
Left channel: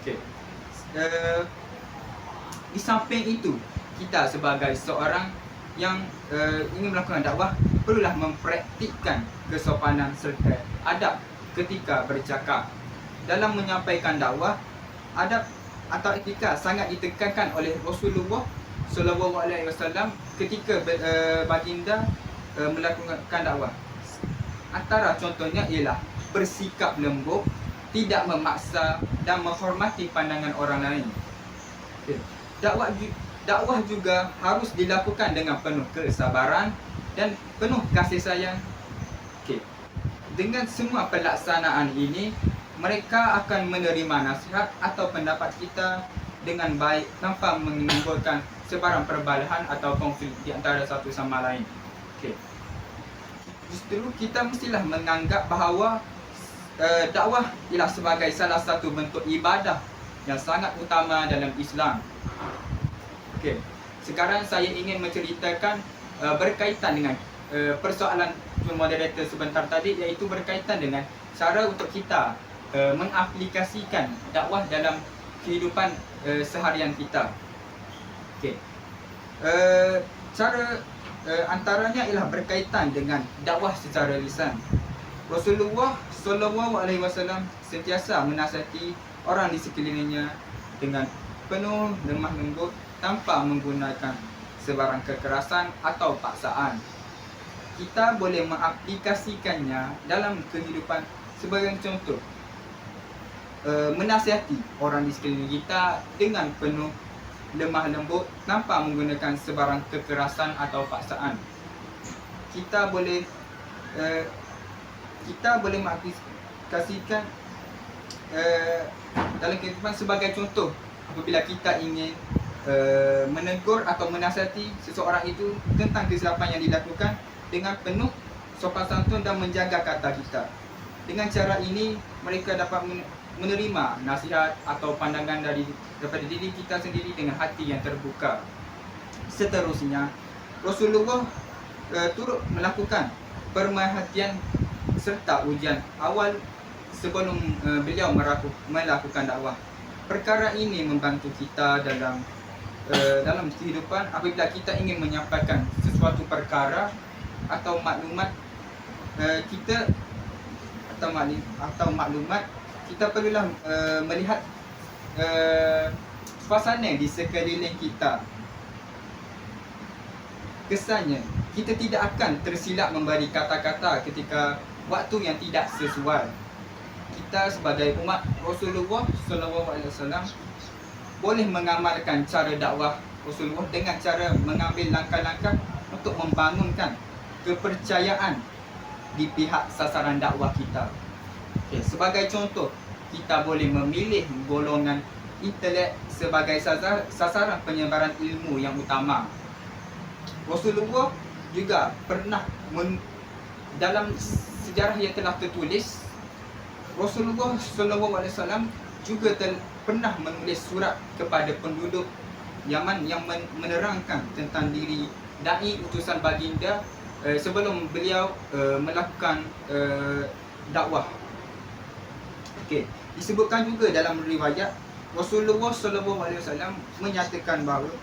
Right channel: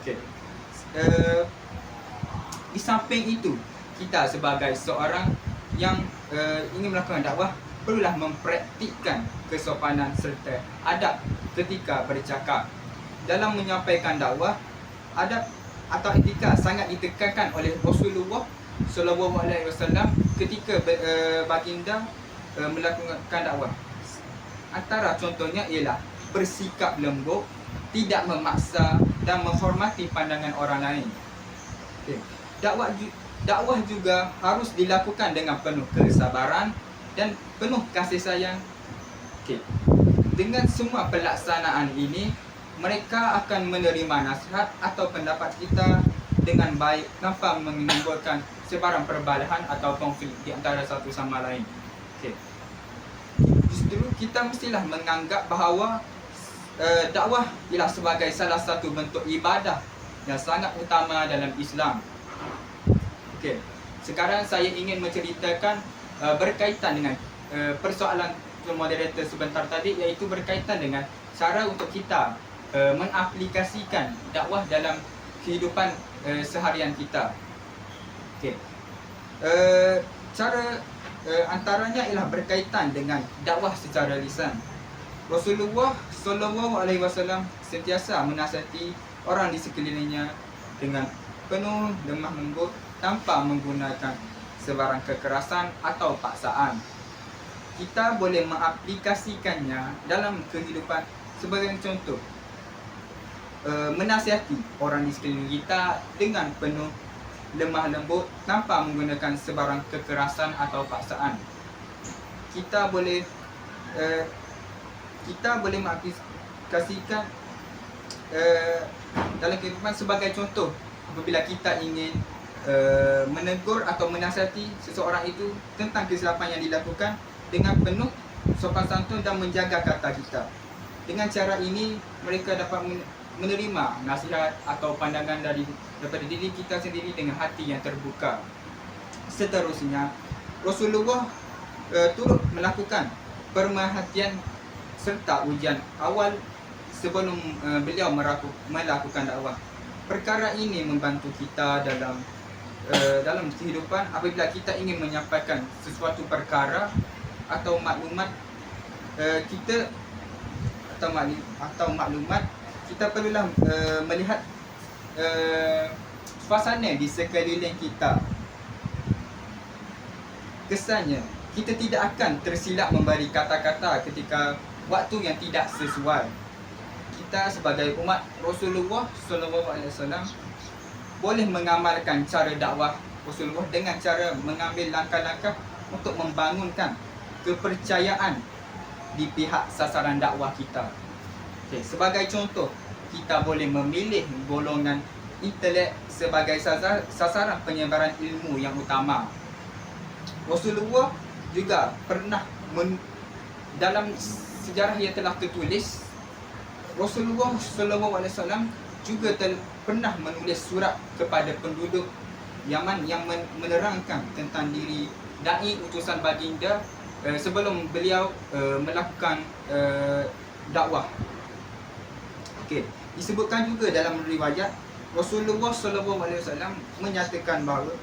Okey. Di samping itu, kita sebagai seorang yang ingin melakukan dakwah perlulah mempraktikkan kesopanan serta adab ketika bercakap. Dalam menyampaikan dakwah, adab atau etika sangat ditekankan oleh Rasulullah SAW ketika baginda melakukan dakwah. Antara contohnya ialah bersikap lembut, tidak memaksa dan menghormati pandangan orang lain. Okay. dakwah juga harus dilakukan dengan penuh kesabaran dan penuh kasih sayang. Okey. Dengan semua pelaksanaan ini, mereka akan menerima nasihat atau pendapat kita dengan baik tanpa menimbulkan sebarang perbalahan atau konflik di antara satu sama lain. Okey. Justru kita mestilah menganggap bahawa dakwah ialah sebagai salah satu bentuk ibadah yang sangat utama dalam Islam. Okey. Sekarang saya ingin menceritakan berkaitan dengan persoalan moderator sebentar tadi, iaitu berkaitan dengan cara untuk kita mengaplikasikan dakwah dalam kehidupan seharian kita. Okey. Cara antaranya ialah berkaitan dengan dakwah secara lisan. Rasulullah SAW sentiasa menasihati orang di sekelilingnya dengan penuh lemah lembut tanpa menggunakan sebarang kekerasan atau paksaan. Kita boleh mengaplikasikannya dalam kehidupan sebagai contoh. Menasihati orang di sekeliling kita dengan penuh lemah lembut tanpa menggunakan sebarang kekerasan atau paksaan. Kita boleh mengaplikasikan dalam kehidupan sebagai contoh apabila kita ingin menegur atau menasihati seseorang itu tentang kesilapan yang dilakukan dengan penuh sopan santun dan menjaga kata kita. Dengan cara ini mereka dapat menerima nasihat atau pandangan daripada diri kita sendiri dengan hati yang terbuka. Seterusnya, Rasulullah turut melakukan pemerhatian serta ujian awal sebelum beliau melakukan dakwah. Perkara ini membantu kita dalam kehidupan apabila kita ingin menyampaikan sesuatu perkara atau maklumat kita perlulah melihat suasana di sekeliling kita. Kesannya kita tidak akan tersilap memberi kata-kata ketika waktu yang tidak sesuai. Kita sebagai umat Rasulullah SAW boleh mengamalkan cara dakwah Rasulullah dengan cara mengambil langkah-langkah untuk membangunkan kepercayaan di pihak sasaran dakwah kita. Okay. Sebagai contoh, kita boleh memilih golongan intelek sebagai sasaran penyebaran ilmu yang utama. Rasulullah juga pernah dalam sejarah yang telah tertulis, Rasulullah SAW juga pernah menulis surat kepada penduduk Yaman yang menerangkan tentang diri dai utusan baginda sebelum beliau melakukan dakwah. Okey, disebutkan juga dalam riwayat Rasulullah SAW menyatakan bahawa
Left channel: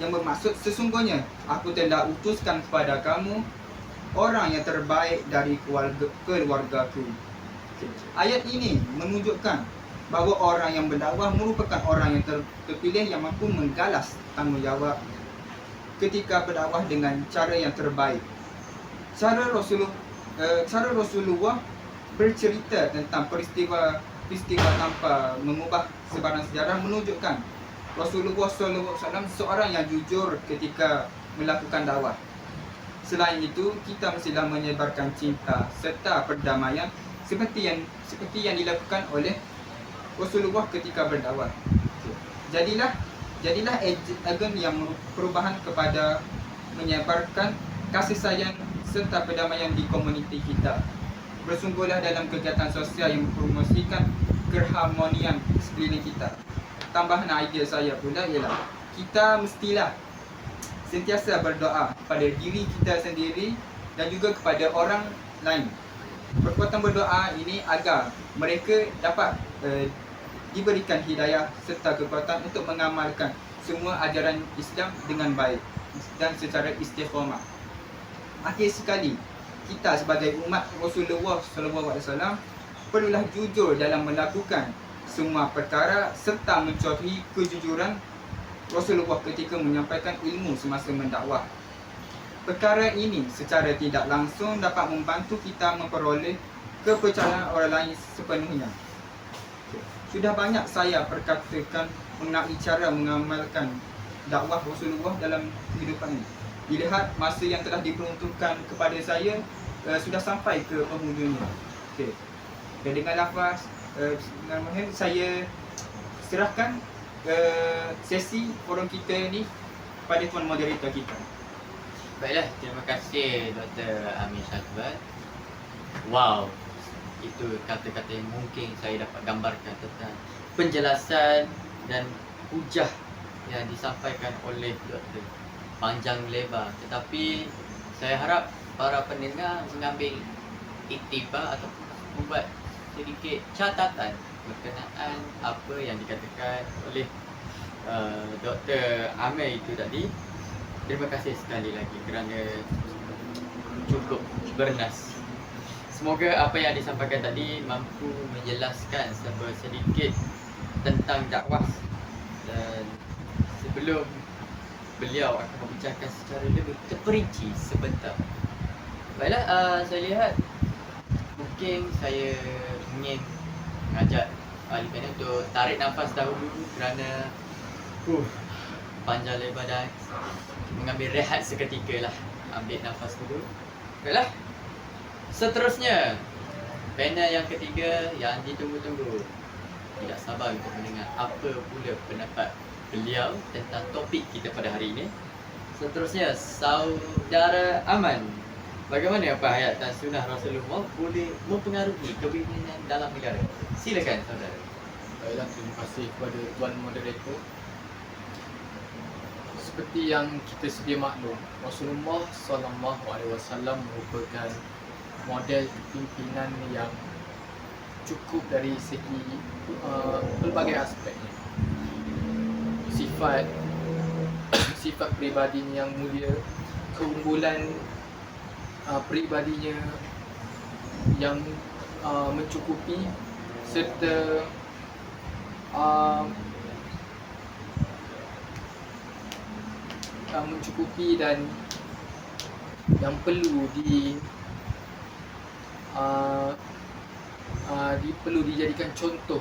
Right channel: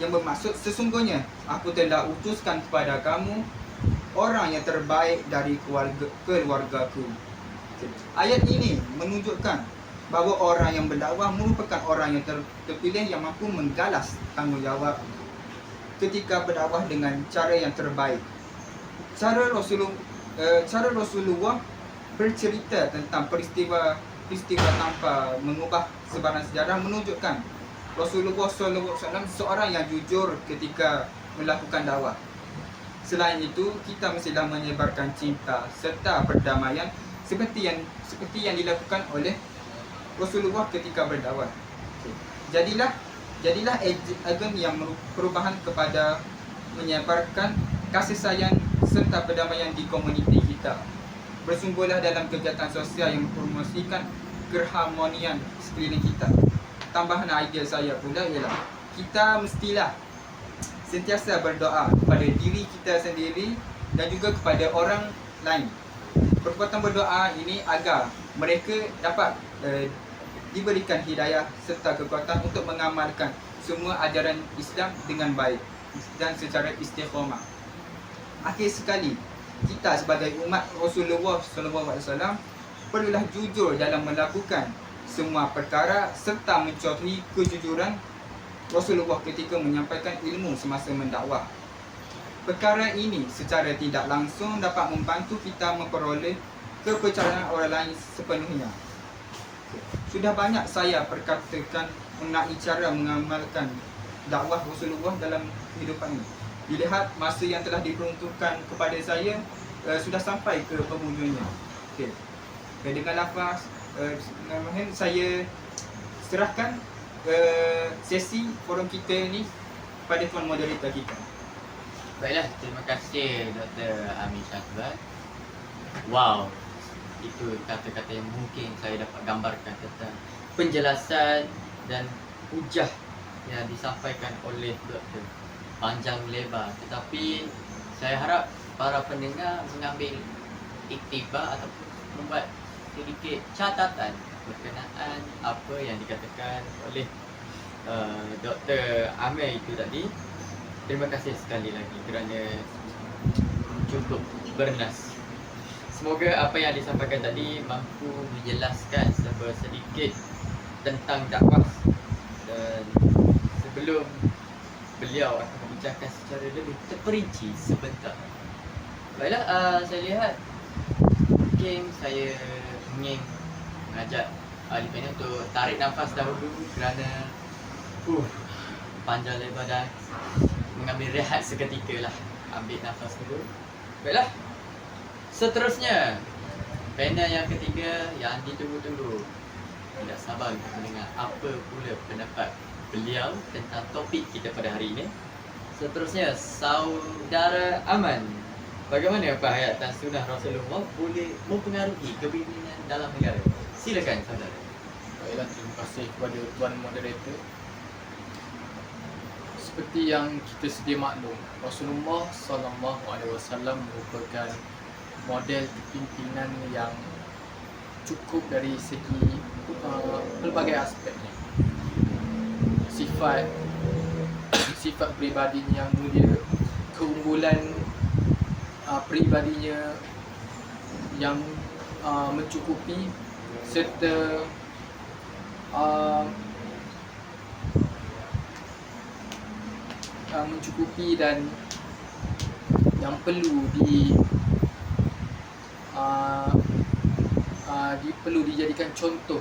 yang bermaksud sesungguhnya aku telah utuskan kepada kamu orang yang terbaik dari keluargaku. Okay. Ayat ini menunjukkan bahawa orang yang berdakwah merupakan orang yang terpilih yang mampu menggalas tanggungjawab ketika berdakwah dengan cara yang terbaik. Cara Rasulullah bercerita tentang peristiwa tanpa mengubah sebarang sejarah menunjukkan Rasulullah SAW seorang yang jujur ketika melakukan dakwah. Selain itu, kita mestilah menyebarkan cinta serta perdamaian seperti yang dilakukan oleh Rasulullah ketika berdakwah. Jadilah agen yang perubahan kepada menyebarkan kasih sayang serta perdamaian di komuniti kita. Bersungguhlah dalam kegiatan sosial yang mempromosikan keharmonian sekeliling kita. Tambahan idea saya pula ialah kita mestilah sentiasa berdoa kepada diri kita sendiri dan juga kepada orang lain. Perbuatan berdoa ini agar mereka dapat diberikan hidayah serta kekuatan untuk mengamalkan semua ajaran Islam dengan baik dan secara istiqamah. Akhir sekali, kita sebagai umat Rasulullah SAW perlulah jujur dalam melakukan semua perkara serta mencontohi kejujuran Rasulullah ketika menyampaikan ilmu semasa mendakwah. Perkara ini secara tidak langsung dapat membantu kita memperoleh kepercayaan orang lain sepenuhnya. Sudah banyak saya perkatakan mengenai cara mengamalkan dakwah Rasulullah dalam kehidupan ini. Dilihat masa yang telah diperuntukkan kepada saya sudah sampai ke penghujungnya. Okey. Dan dengan lafaz Bismillahirrahmanirrahim, saya serahkan sesi forum kita ini kepada tuan moderator kita. Baiklah, terima kasih Dr. Amir Syazwan. Wow, itu kata-kata yang mungkin saya dapat gambarkan tentang penjelasan dan hujah yang disampaikan oleh Dr. Panjang lebar, tetapi saya harap para pendengar mengambil iktibar ataupun membuat sedikit catatan berkenaan apa yang dikatakan oleh Dr. Amir itu tadi. Terima kasih sekali lagi kerana cukup bernas. Semoga apa yang disampaikan tadi mampu menjelaskan sedikit tentang dakwah, dan sebelum beliau akan membincangkan secara lebih terperinci sebentar. Baiklah, saya lihat mungkin saya ingin mengajak ahli panel untuk tarik nafas dahulu kerana panjang lebar dan mengambil rehat seketika lah. Ambil nafas dulu. Baiklah, seterusnya panel yang ketiga yang ditunggu-tunggu. Tidak sabar untuk mendengar apa pula pendapat beliau tentang topik kita pada hari ini. Seterusnya, Saudara Aman, bagaimana penghayatan sunnah Rasulullah boleh mempengaruhi kepimpinan dalam negara? Silakan saudara. Baiklah, terima kasih kepada tuan moderator. Seperti yang kita sedia maklum, Rasulullah SAW merupakan model kepimpinan yang cukup dari segi pelbagai aspeknya. Sifat peribadinya yang mulia, keunggulan peribadinya yang mencukupi, serta mencukupi dan yang perlu perlu dijadikan contoh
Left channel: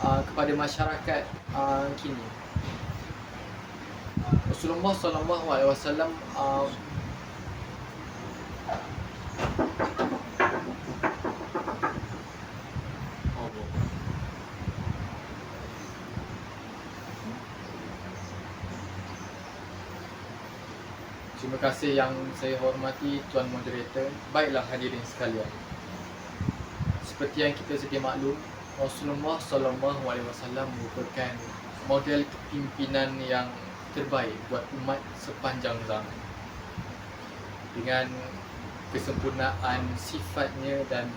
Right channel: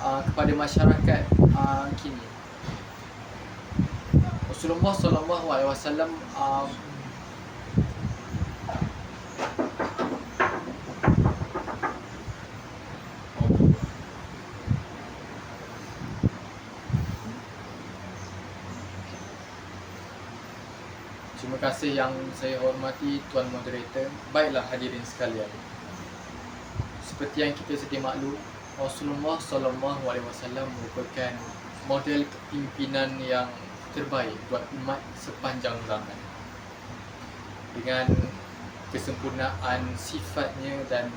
kepada masyarakat kini. Rasulullah SAW terima kasih yang saya hormati tuan moderator. Baiklah hadirin sekalian, seperti yang kita sedia maklum, Rasulullah SAW merupakan model kepimpinan yang terbaik buat umat sepanjang zaman. Dengan kesempurnaan sifatnya dan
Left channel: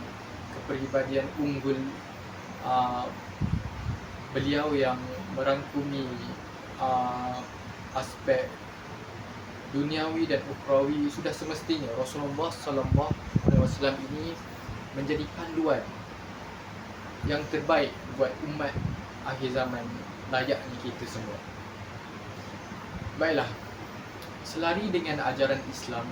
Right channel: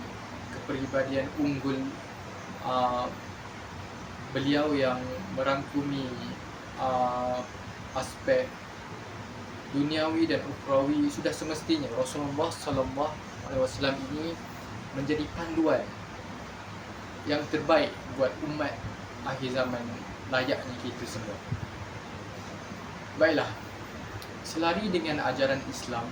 kepribadian unggul beliau yang merangkumi aspek duniawi dan ukhrawi, sudah semestinya Rasulullah SAW ini menjadi panduan yang terbaik buat umat akhir zaman layaknya kita semua. Baiklah, selari dengan ajaran Islam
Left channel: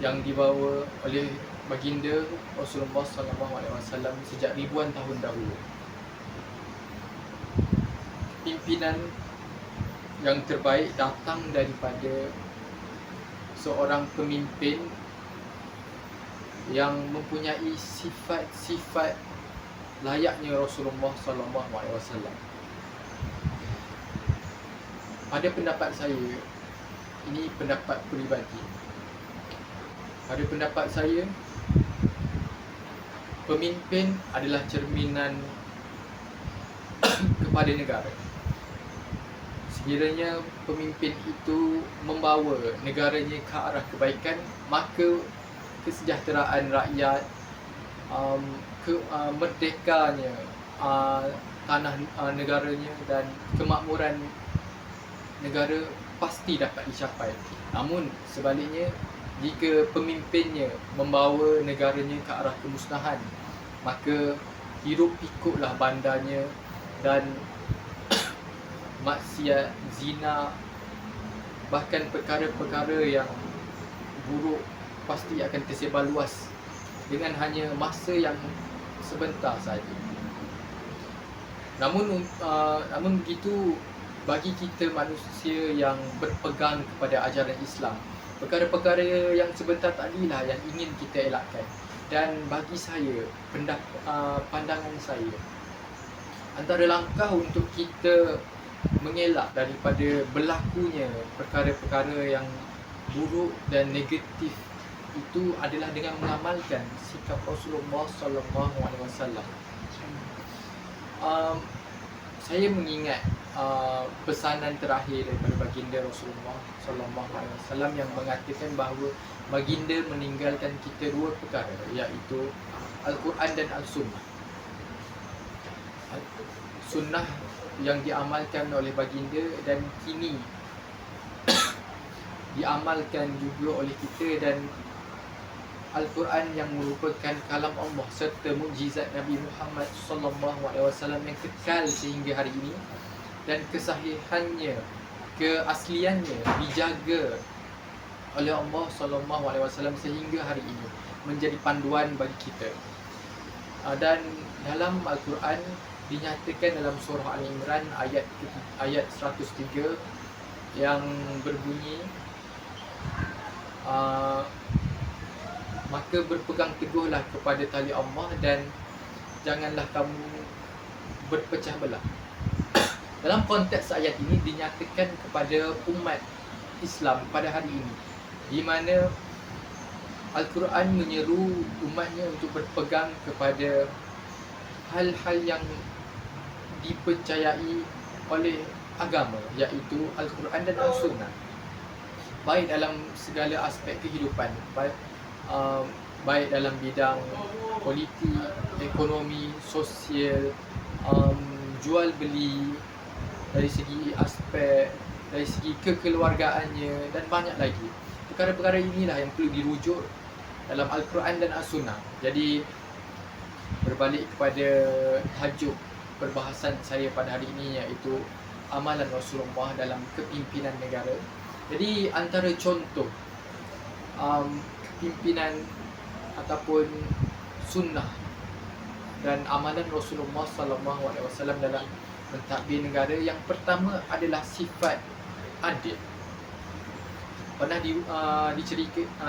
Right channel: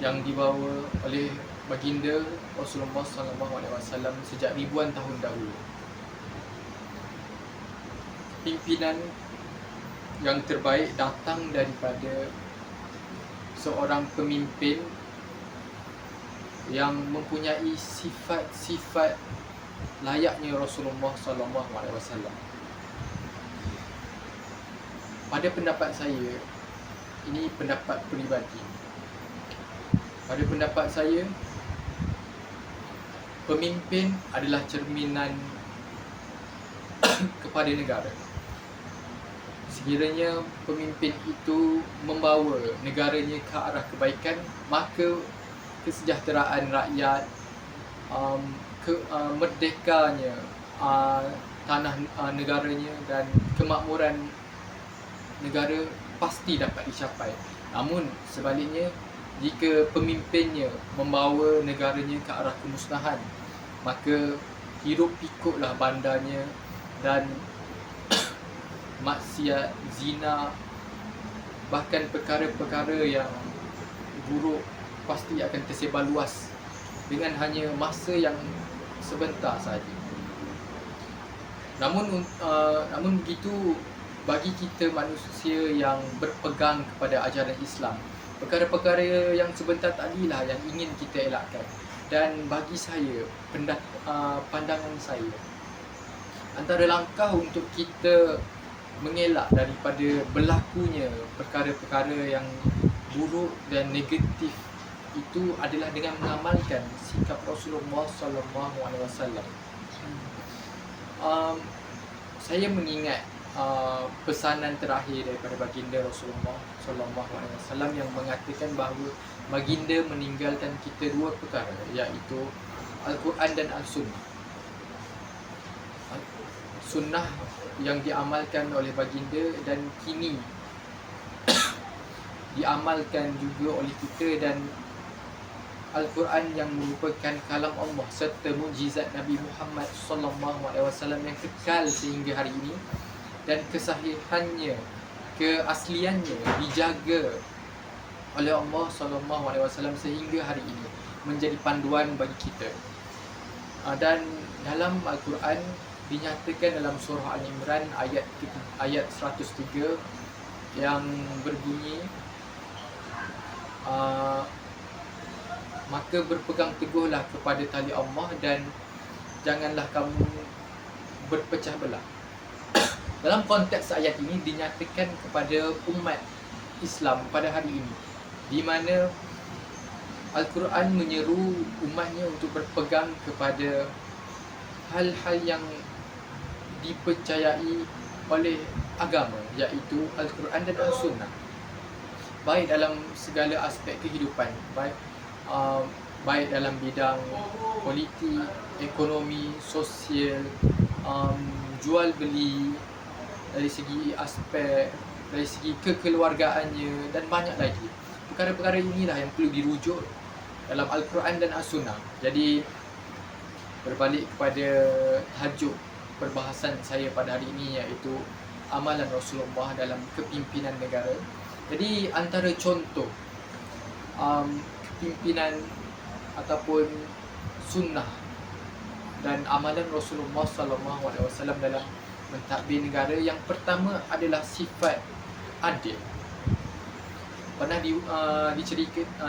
yang dibawa oleh baginda Rasulullah SAW sejak ribuan tahun dahulu, pimpinan yang terbaik datang daripada seorang pemimpin yang mempunyai sifat-sifat layaknya Rasulullah SAW. Pada pendapat saya, ini pendapat peribadi, pada pendapat saya, pemimpin adalah cerminan kepada negara. Sekiranya pemimpin itu membawa negaranya ke arah kebaikan, maka kesejahteraan rakyat, merdekanya tanah negaranya dan kemakmuran negara pasti dapat dicapai. Namun sebaliknya, jika pemimpinnya membawa negaranya ke arah kemusnahan, maka hiruk pikuklah bandanya dan maksiat, zina, bahkan perkara-perkara yang buruk pasti akan tersebar luas dengan hanya masa yang sebentar saja. Namun begitu, bagi kita manusia yang berpegang kepada ajaran Islam, perkara-perkara yang sebentar tadilah yang ingin kita elakkan. Dan bagi saya, pandangan saya, antara langkah untuk kita mengelak daripada berlakunya perkara-perkara yang buruk dan negatif itu adalah dengan mengamalkan sikap Rasulullah sallallahu alaihi wasallam. Saya mengingat pesanan terakhir daripada baginda Rasulullah sallallahu alaihi wasallam yang mengatakan bahawa baginda meninggalkan kita dua perkara, iaitu Al-Quran dan Al-Sunnah. Sunnah yang diamalkan oleh baginda dan kini diamalkan juga oleh kita, dan Al-Quran yang merupakan kalam Allah serta mukjizat Nabi Muhammad sallallahu alaihi wasallam yang kekal sehingga hari ini, dan kesahihannya, keasliannya dijaga oleh Allah sallallahu alaihi wasallam sehingga hari ini menjadi panduan bagi kita. Dan dalam Al-Quran dinyatakan dalam surah Al-Imran ayat 103 yang berbunyi, maka berpegang teguhlah kepada tali Allah dan janganlah kamu berpecah belah. Dalam konteks ayat ini dinyatakan kepada umat Islam pada hari ini, di mana Al-Quran menyeru umatnya untuk berpegang kepada hal-hal yang dipercayai oleh agama, iaitu Al-Quran dan Al-Sunnah, baik dalam segala aspek kehidupan, baik dalam bidang politik, ekonomi, sosial, jual beli, dari segi aspek, dari segi kekeluargaannya dan banyak lagi. Perkara-perkara inilah yang perlu dirujuk dalam Al-Quran dan As-Sunnah. Jadi berbalik kepada tajuk perbahasan saya pada hari ini, iaitu amalan Rasulullah dalam kepimpinan negara. Jadi antara contoh pimpinan ataupun sunnah dan amalan Rasulullah sallallahu alaihi wasallam dalam mentadbir negara, yang pertama adalah sifat adil. Pernah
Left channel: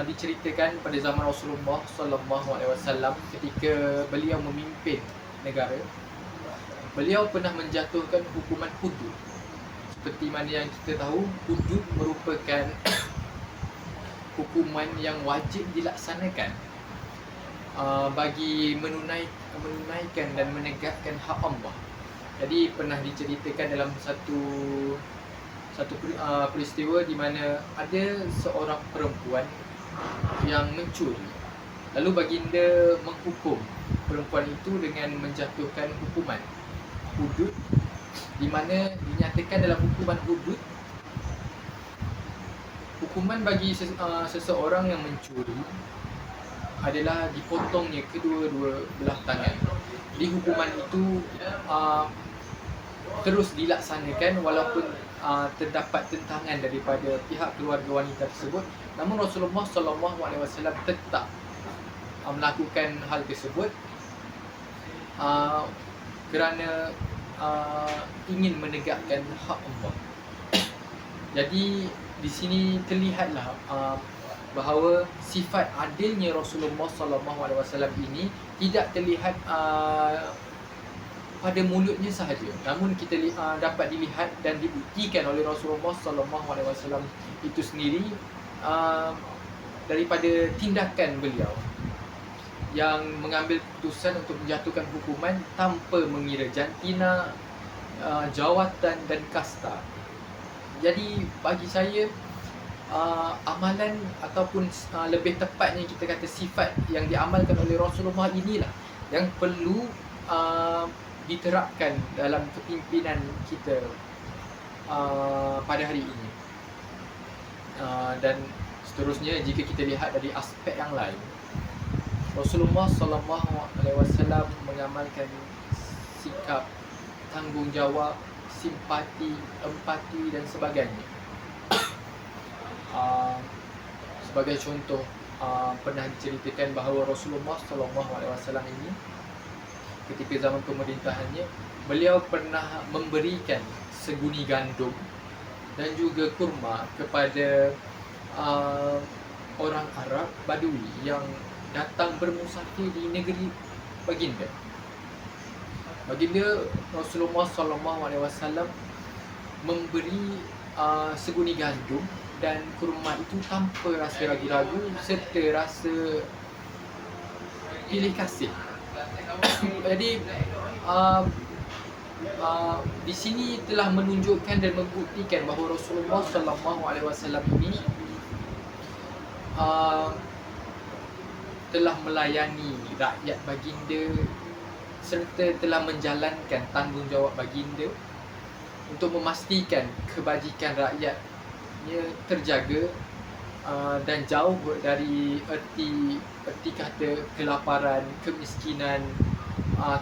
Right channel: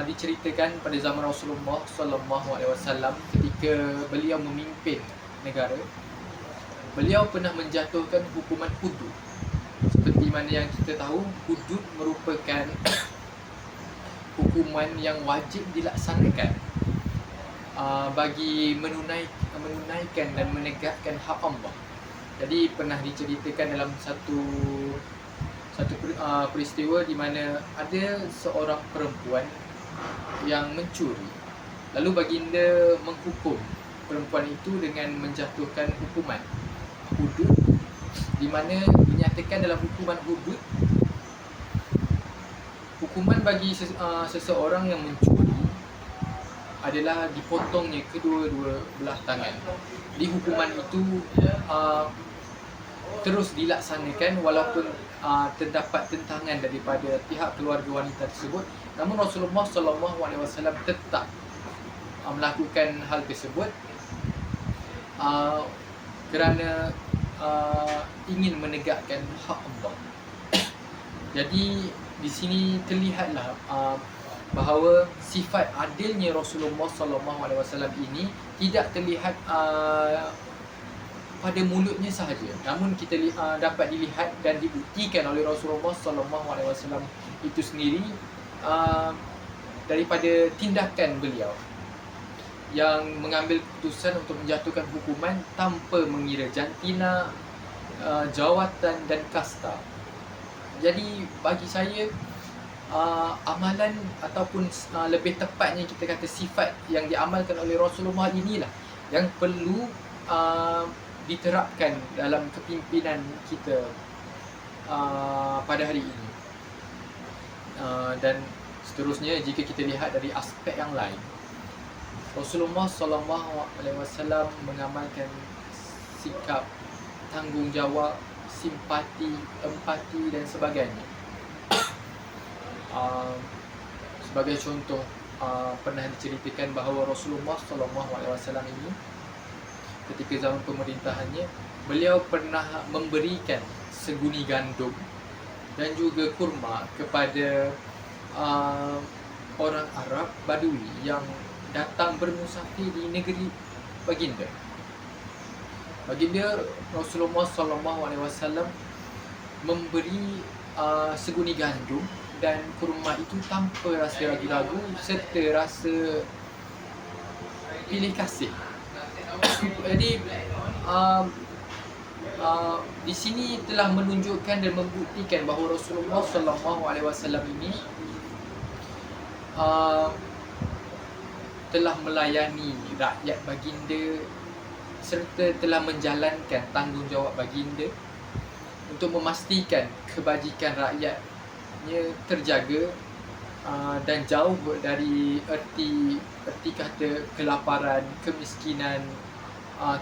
diceritakan pada zaman Rasulullah sallallahu alaihi wasallam ketika beliau memimpin negara, beliau pernah menjatuhkan hukuman hudud. Seperti mana yang kita tahu, hudud merupakan hukuman yang wajib dilaksanakan bagi menunaikan dan menegakkan hak Allah. Jadi pernah diceritakan dalam satu peristiwa di mana ada seorang perempuan yang mencuri. Lalu baginda menghukum perempuan itu dengan menjatuhkan hukuman hudud, di mana dinyatakan dalam hukuman hudud, hukuman bagi seseorang yang mencuri adalah dipotongnya kedua-dua belah tangan. Di hukuman itu terus dilaksanakan walaupun terdapat tentangan daripada pihak keluarga wanita tersebut, namun Rasulullah SAW tetap melakukan hal tersebut kerana ingin menegakkan hak Allah. Jadi di sini terlihatlah bahawa sifat adilnya Rasulullah SAW ini tidak terlihat pada mulutnya sahaja, namun kita dapat dilihat dan dibuktikan oleh Rasulullah SAW itu sendiri daripada tindakan beliau yang mengambil keputusan untuk menjatuhkan hukuman tanpa mengira jantina, jawatan dan kasta. Jadi bagi saya, amalan ataupun lebih tepatnya kita kata sifat yang diamalkan oleh Rasulullah inilah yang perlu diterapkan dalam kepimpinan kita pada hari ini. Dan seterusnya, jika kita lihat dari aspek yang lain, Rasulullah SAW mengamalkan sikap tanggungjawab, simpati, empati dan sebagainya. Sebagai contoh, pernah diceritakan bahawa Rasulullah SAW ini ketika zaman pemerintahannya, beliau pernah memberikan seguni gandum dan juga kurma kepada orang Arab Badui yang datang bermusafir di negeri baginda. Baginda Rasulullah SAW memberi seguni gandum dan kurma itu tanpa rasa ragu-ragu serta rasa pilih kasih. Jadi di sini telah menunjukkan dan membuktikan bahawa Rasulullah SAW ini telah melayani rakyat baginda serta telah menjalankan tanggungjawab baginda untuk memastikan kebajikan rakyatnya terjaga dan jauh dari erti kata kelaparan, kemiskinan,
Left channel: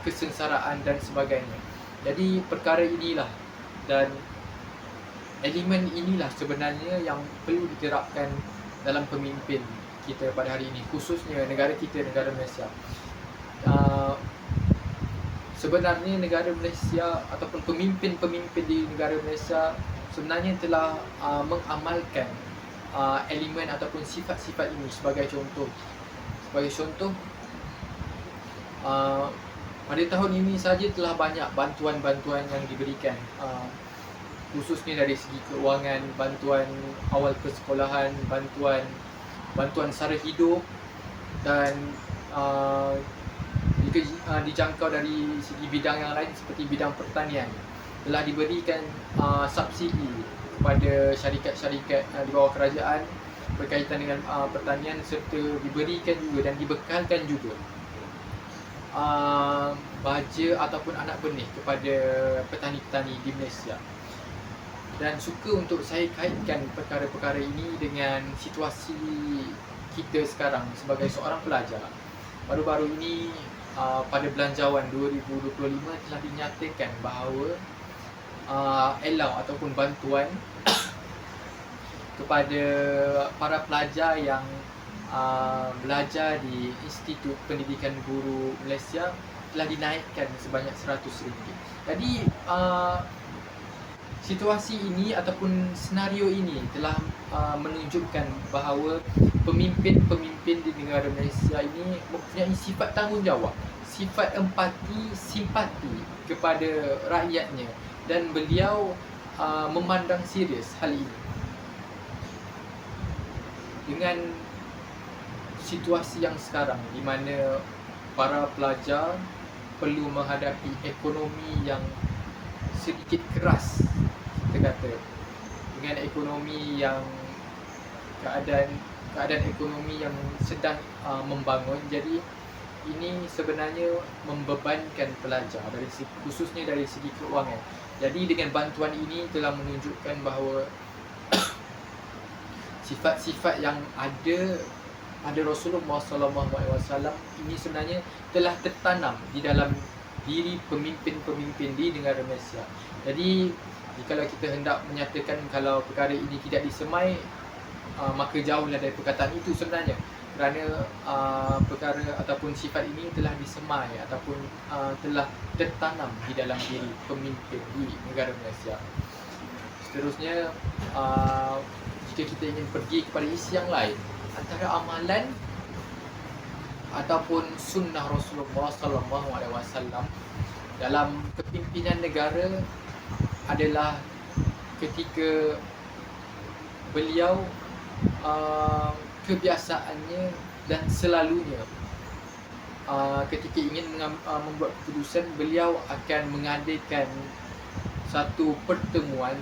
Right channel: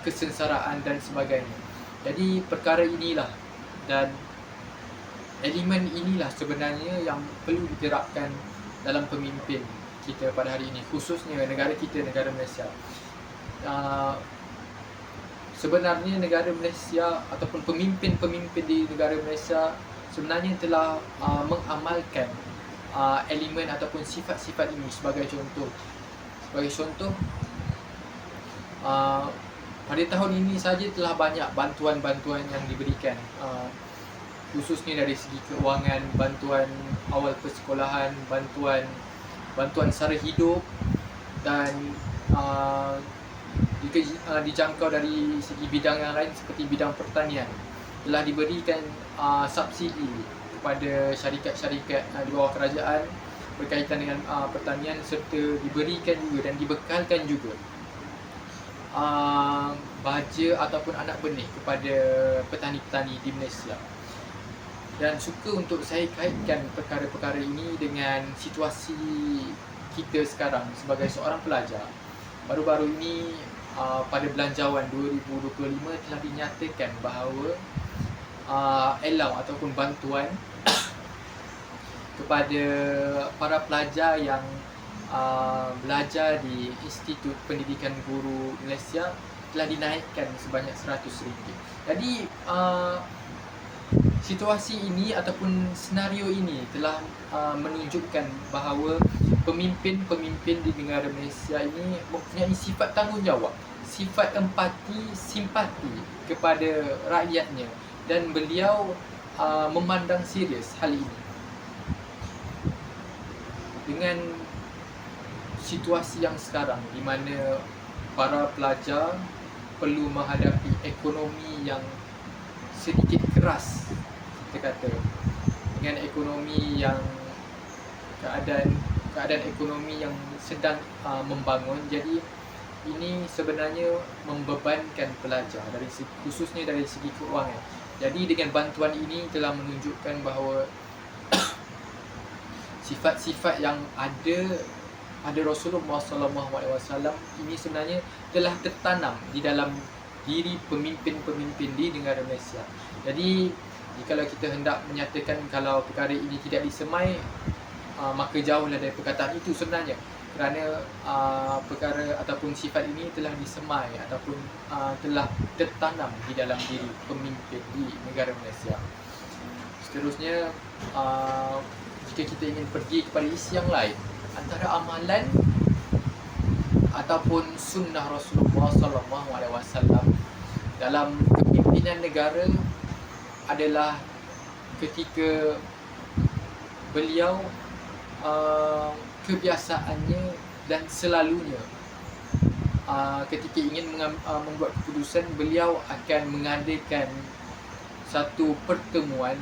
kesengsaraan dan sebagainya. Jadi perkara inilah dan elemen inilah sebenarnya yang perlu diterapkan dalam pemimpin kita pada hari ini, khususnya negara kita, negara Malaysia. Sebenarnya negara Malaysia ataupun pemimpin-pemimpin di negara Malaysia sebenarnya telah mengamalkan elemen ataupun sifat-sifat ini sebagai contoh. Pada tahun ini saja telah banyak bantuan-bantuan yang diberikan, khususnya dari segi keuangan, bantuan awal persekolahan, bantuan sara hidup dan juga dijangkau dari segi bidang yang lain seperti bidang pertanian. Telah diberikan subsidi kepada syarikat-syarikat di bawah kerajaan berkaitan dengan pertanian serta diberikan juga dan dibekalkan juga baja ataupun anak benih kepada petani-petani di Malaysia. Dan suka untuk saya kaitkan perkara-perkara ini dengan situasi kita sekarang sebagai seorang pelajar. Baru-baru ini pada Belanjawan 2025 telah dinyatakan bahawa allow ataupun bantuan kepada para pelajar yang belajar di Institut Pendidikan Guru Malaysia telah dinaikkan sebanyak RM100. Jadi situasi ini ataupun senario ini telah menunjukkan bahawa pemimpin-pemimpin di negara Malaysia ini mempunyai sifat tanggungjawab, sifat empati, simpati kepada rakyatnya dan beliau memandang serius hal ini. Dengan situasi yang sekarang di mana para pelajar perlu menghadapi ekonomi yang sedikit keras, kita kata, dengan ekonomi yang keadaan ekonomi yang sedang membangun. Jadi ini sebenarnya membebankan pelajar khususnya dari segi keuangan. Jadi dengan bantuan ini telah menunjukkan bahawa sifat-sifat yang ada pada Rasulullah SAW ini sebenarnya telah tertanam di dalam diri pemimpin-pemimpin di negara Malaysia. Jadi jikalau kita hendak menyatakan kalau perkara ini tidak disemai, maka jauhlah dari perkataan itu sebenarnya, kerana perkara ataupun sifat ini telah disemai ataupun telah tertanam di dalam diri pemimpin di negara Malaysia. Seterusnya, jika kita ingin pergi kepada isi yang lain, antara amalan ataupun sunnah Rasulullah SAW dalam kepimpinan negara adalah ketika beliau kebiasaannya dan selalunya ketika ingin membuat keputusan, beliau akan mengadakan satu pertemuan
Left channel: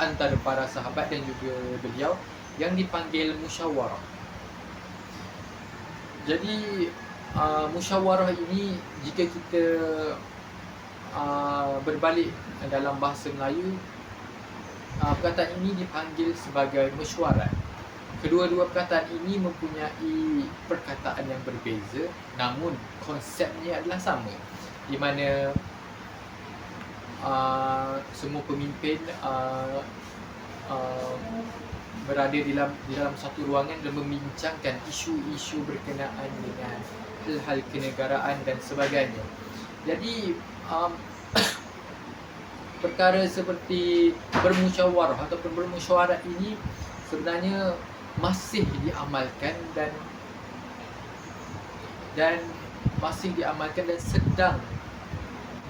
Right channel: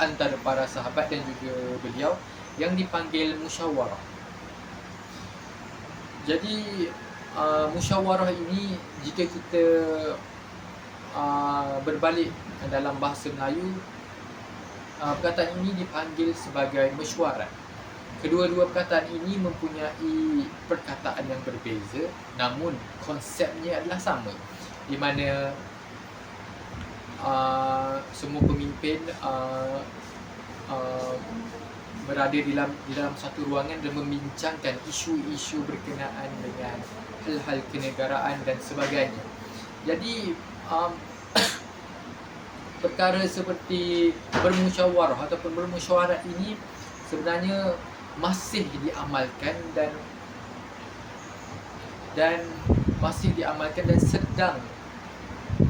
antara para sahabat dan juga beliau yang dipanggil musyawarah. Jadi musyawarah ini, jika kita berbalik dalam bahasa Melayu, perkataan ini dipanggil sebagai mesyuarat. Kedua-dua perkataan ini mempunyai perkataan yang berbeza, namun konsepnya adalah sama, di mana semua pemimpin berada di dalam satu ruangan dan membincangkan isu-isu berkenaan dengan hal-hal kenegaraan dan sebagainya. Jadi perkara seperti bermusyawarah ataupun bermusyawarah ini sebenarnya masih diamalkan dan masih diamalkan dan sedang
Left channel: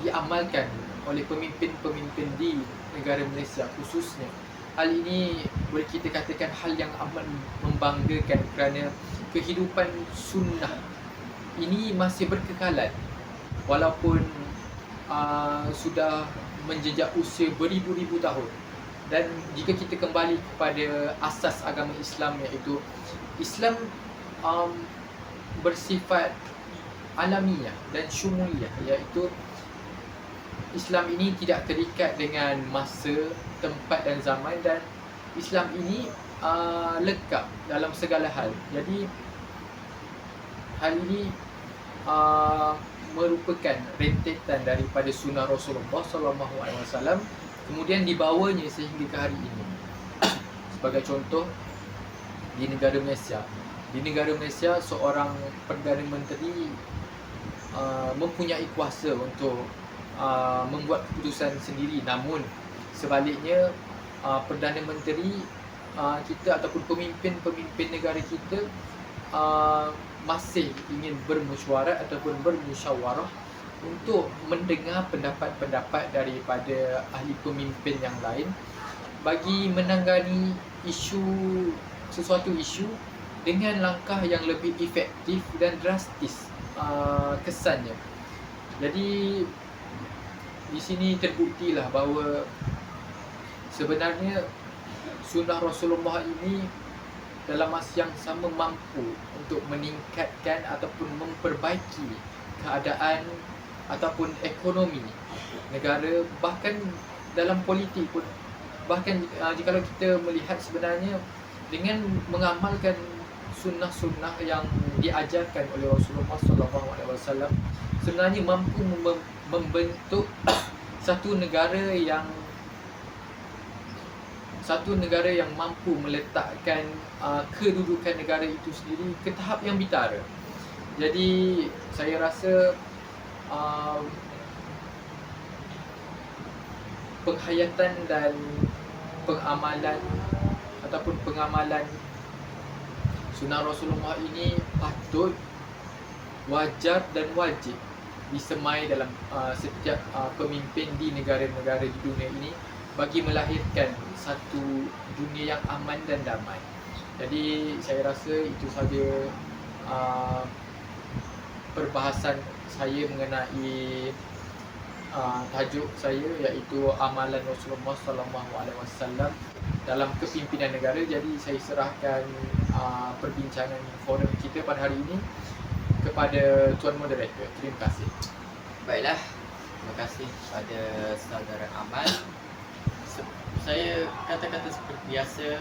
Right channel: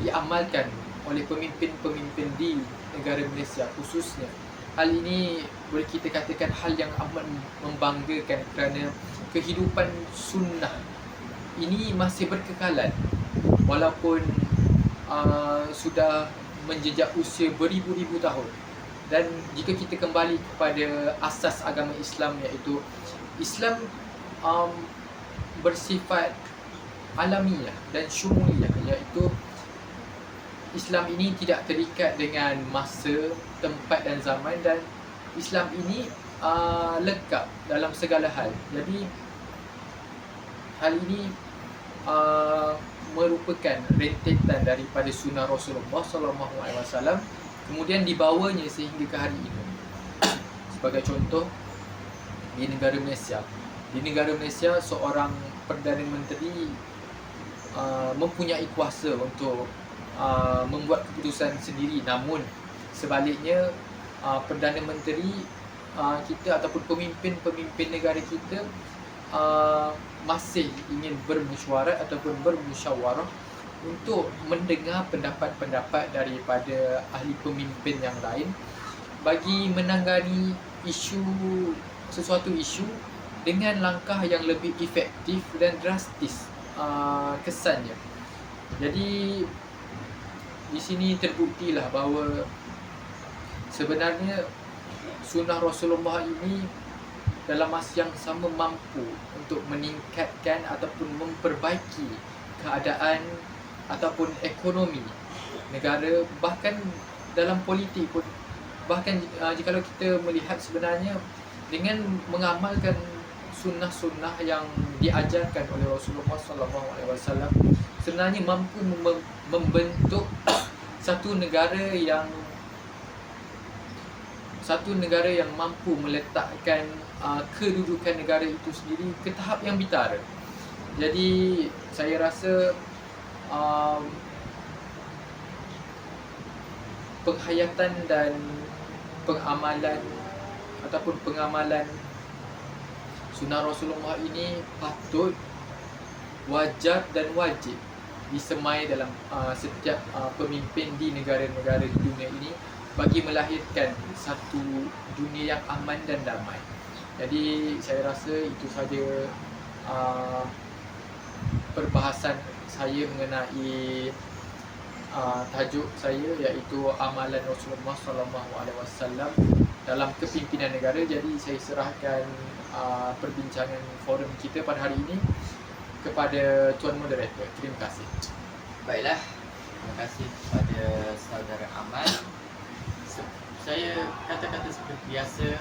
diamalkan oleh pemimpin-pemimpin di negara Malaysia khususnya. Hal ini boleh kita katakan hal yang amat membanggakan kerana kehidupan sunnah ini masih berkekalan walaupun sudah menjejak usia beribu-ribu tahun. Dan jika kita kembali kepada asas agama Islam, iaitu Islam bersifat alamiah dan syumuliyah, iaitu Islam ini tidak terikat dengan masa, tempat dan zaman, dan Islam ini lengkap dalam segala hal. Jadi hal ini merupakan rentetan daripada sunnah Rasulullah SAW, kemudian dibawanya sehingga ke hari ini. Sebagai contoh, di negara Malaysia seorang Perdana Menteri mempunyai kuasa untuk membuat keputusan sendiri. Namun sebaliknya, Perdana Menteri kita ataupun pemimpin negara kita masih ingin bermesyuarat ataupun bermusyawarah untuk mendengar pendapat-pendapat daripada ahli pemimpin yang lain bagi menangani sesuatu isu dengan langkah yang lebih efektif dan drastis kesannya. Jadi di sini terbuktilah bahawa sebenarnya sunnah Rasulullah ini dalam masa yang sama mampu untuk meningkatkan ataupun memperbaiki keadaan ataupun ekonomi negara, bahkan dalam politik pun. Bahkan jika kita melihat sebenarnya dengan mengamalkan sunnah-sunnah yang diajarkan oleh Rasulullah SAW, sebenarnya mampu membentuk satu negara yang mampu meletakkan kedudukan negara itu sendiri ke tahap yang bitara. Jadi saya rasa penghayatan dan pengamalan sunnah Rasulullah ini patut, wajar dan wajib disemai dalam setiap pemimpin di negara-negara di dunia ini bagi melahirkan satu dunia yang aman dan damai. Jadi saya rasa itu saja perbahasan saya mengenai tajuk saya, iaitu amalan Rasulullah SAW dalam kepimpinan negara. Jadi saya serahkan perbincangan forum kita pada hari ini kepada Tuan Moderator. Terima kasih. Baiklah, terima kasih kepada saudara Amal. Saya kata-kata seperti biasa,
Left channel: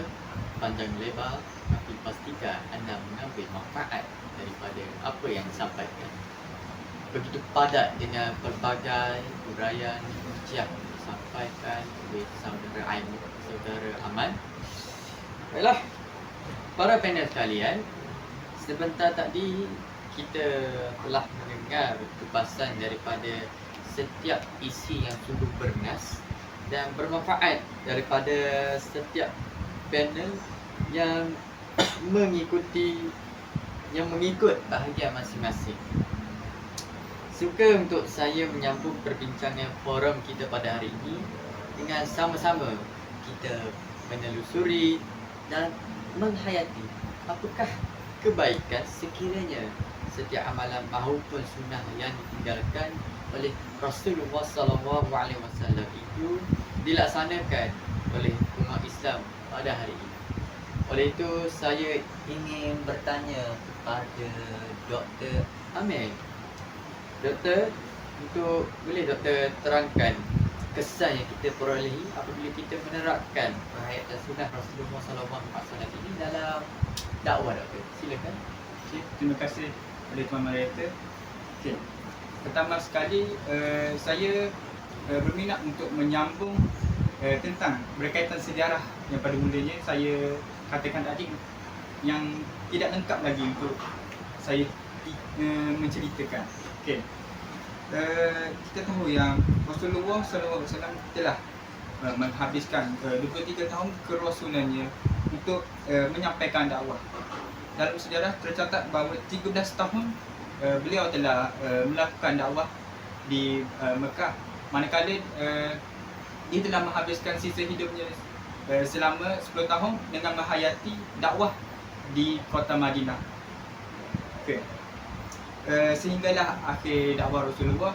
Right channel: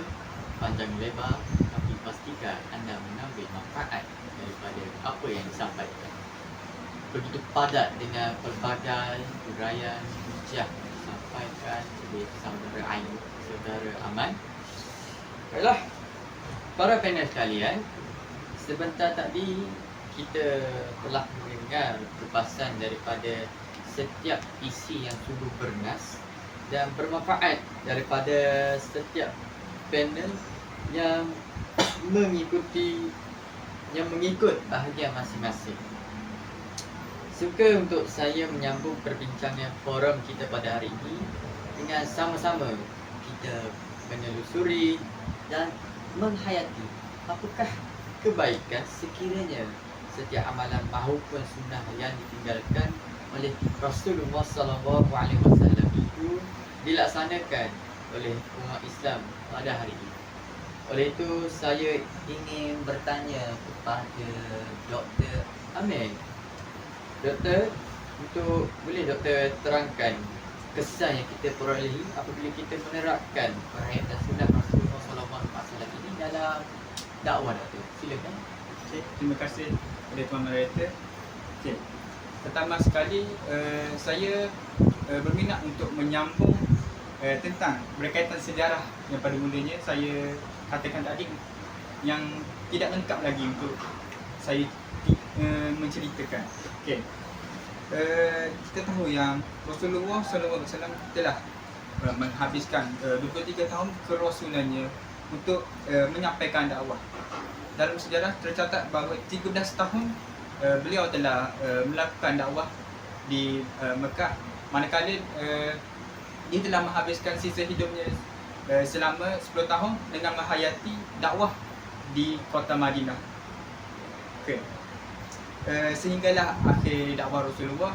panjang lebar, tapi pastikan anda mengambil manfaat daripada apa yang disampaikan. Begitu padat dengan pelbagai uraian yang disampaikan oleh saudara Ain, saudara Aman. Baiklah, para panel sekalian, sebentar tadi kita telah mendengar kupasan daripada setiap isi yang sungguh bernas dan bermanfaat daripada setiap panel yang mengikut bahagian masing-masing. Suka untuk saya menyambung perbincangan forum kita pada hari ini dengan sama-sama kita menelusuri dan menghayati apakah kebaikan sekiranya setiap amalan maupun sunnah yang ditinggalkan oleh Rasulullah SAW itu dilaksanakan oleh umat Islam pada hari ini. Oleh itu saya ingin bertanya kepada Dr. Amir. Doktor, boleh doktor terangkan kesan yang kita perolehi apabila kita menerapkan perhayatan sunnah Rasulullah SAW ini dalam dakwah, doktor? Silakan. Okey, terima kasih kepada Tuan Moderator. Okey. Pertama sekali saya berminat untuk menyambung tentang berkaitan sejarah yang pada mulanya saya katakan tadi yang tidak lengkap lagi untuk saya menceritakan. Okey. kita tahu yang Rasulullah SAW telah menghabiskan 23 tahun kerasulannya untuk menyampaikan dakwah. Dalam sejarah tercatat bahawa 13 tahun beliau telah melakukan dakwah di Mekah, manakala dia telah menghabiskan sisa hidupnya selama 10 tahun dengan menghayati dakwah di kota Madinah. Okay. Sehinggalah akhir dakwah Rasulullah,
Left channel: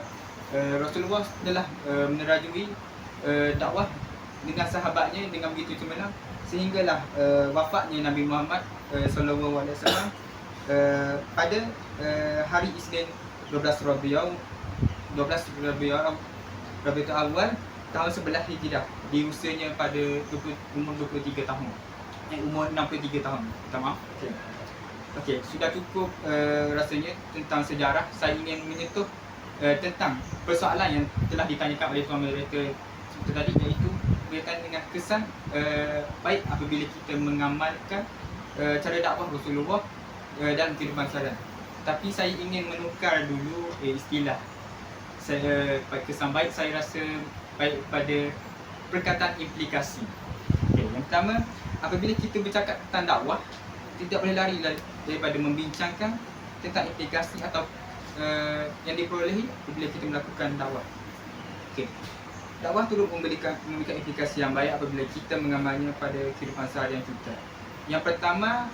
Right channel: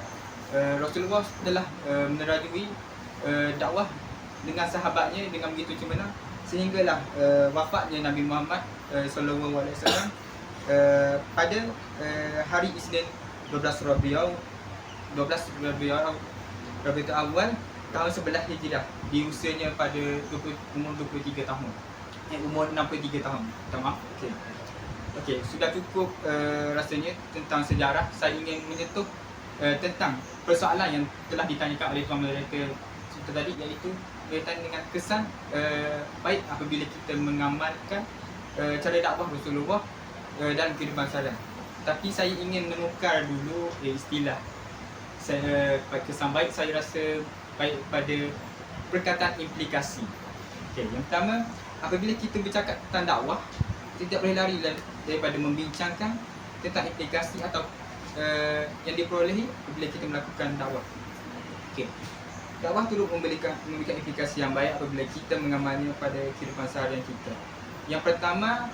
Rasulullah telah menerajui dakwah dengan sahabatnya dengan begitu cemerlang, sehinggalah wafatnya Nabi Muhammad sallallahu alaihi wasallam pada hari Isnin 12 Rabiul Awal tahun 11 Hijrah, di usianya pada umur 23 tahun. Umur 63 tahun. Minta maaf. Okey, sudah cukup rasanya tentang sejarah. Saya ingin menyentuh tentang persoalan yang telah ditanyakan oleh tuan moderator tadi, iaitu berkaitan dengan kesan baik apabila kita mengamalkan cara dakwah Rasulullah dalam kehidupan seharian. Tapi saya ingin menukar dulu istilah. Kesan baik saya rasa baik pada perkataan implikasi. Okey, yang pertama, apabila kita bercakap tentang dakwah, tidak boleh lari daripada membincangkan tentang implikasi atau yang diperolehi apabila kita melakukan dakwah. Okey. Dakwah turut memberikan implikasi yang baik apabila kita mengamalnya pada kehidupan seharian kita. Yang pertama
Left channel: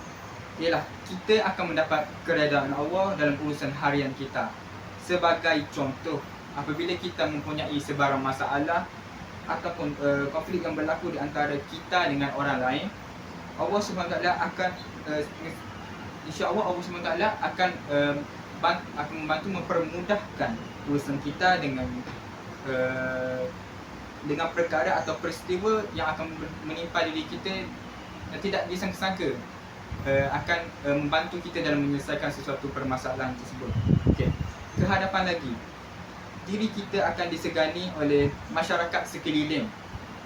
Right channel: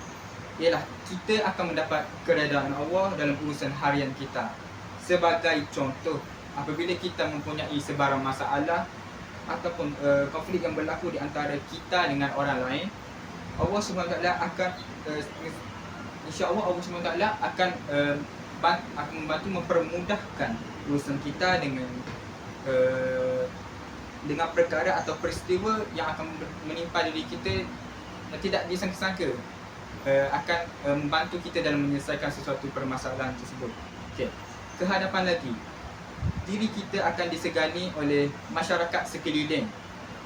ialah kita akan mendapat keredaan Allah dalam urusan harian kita. Sebagai contoh, apabila kita mempunyai sebarang masalah ataupun konflik yang berlaku di antara kita dengan orang lain, Allah SWT akan insya-Allah Allah SWT akan membantu mempermudahkan urusan kita dengan perkara atau peristiwa yang akan menimpa diri kita yang tidak disangka-sangka, akan membantu kita dalam menyelesaikan sesuatu permasalahan tersebut. Okey. Kehadapan lagi, diri kita akan disegani oleh masyarakat sekeliling.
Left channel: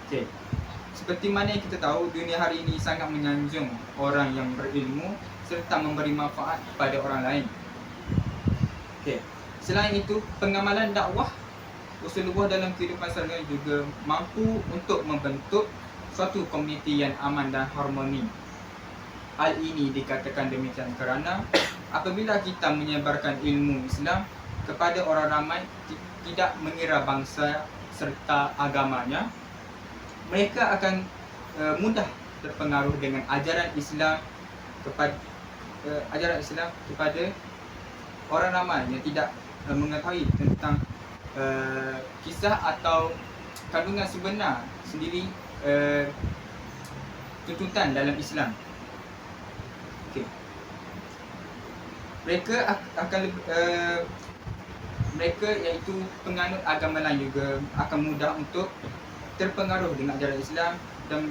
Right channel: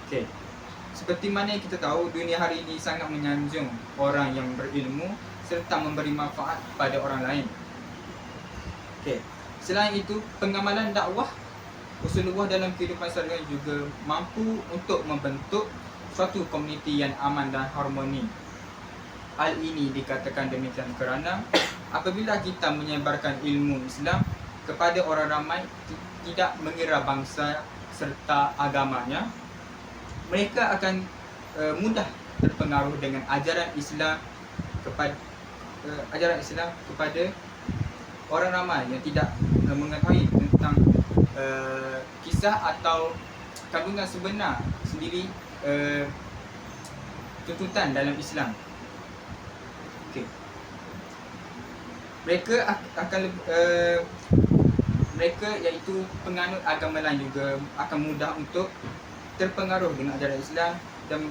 Okey. Seperti mana yang kita tahu, dunia hari ini sangat menyanjung orang yang berilmu serta memberi manfaat kepada orang lain. Okey. Selain itu, pengamalan dakwah Rasulullah dalam kehidupan seharian juga mampu untuk membentuk suatu komuniti yang aman dan harmoni. Hal ini dikatakan demikian kerana apabila kita menyebarkan ilmu Islam kepada orang ramai, tidak mengira bangsa serta agamanya, mereka akan mudah terpengaruh dengan ajaran Islam kepada orang ramai yang tidak mengetahui tentang kisah atau kandungan sebenar sendiri tuntutan dalam Islam. Okey. Mereka iaitu penganut agama lain juga akan mudah untuk terpengaruh dengan ajaran Islam dan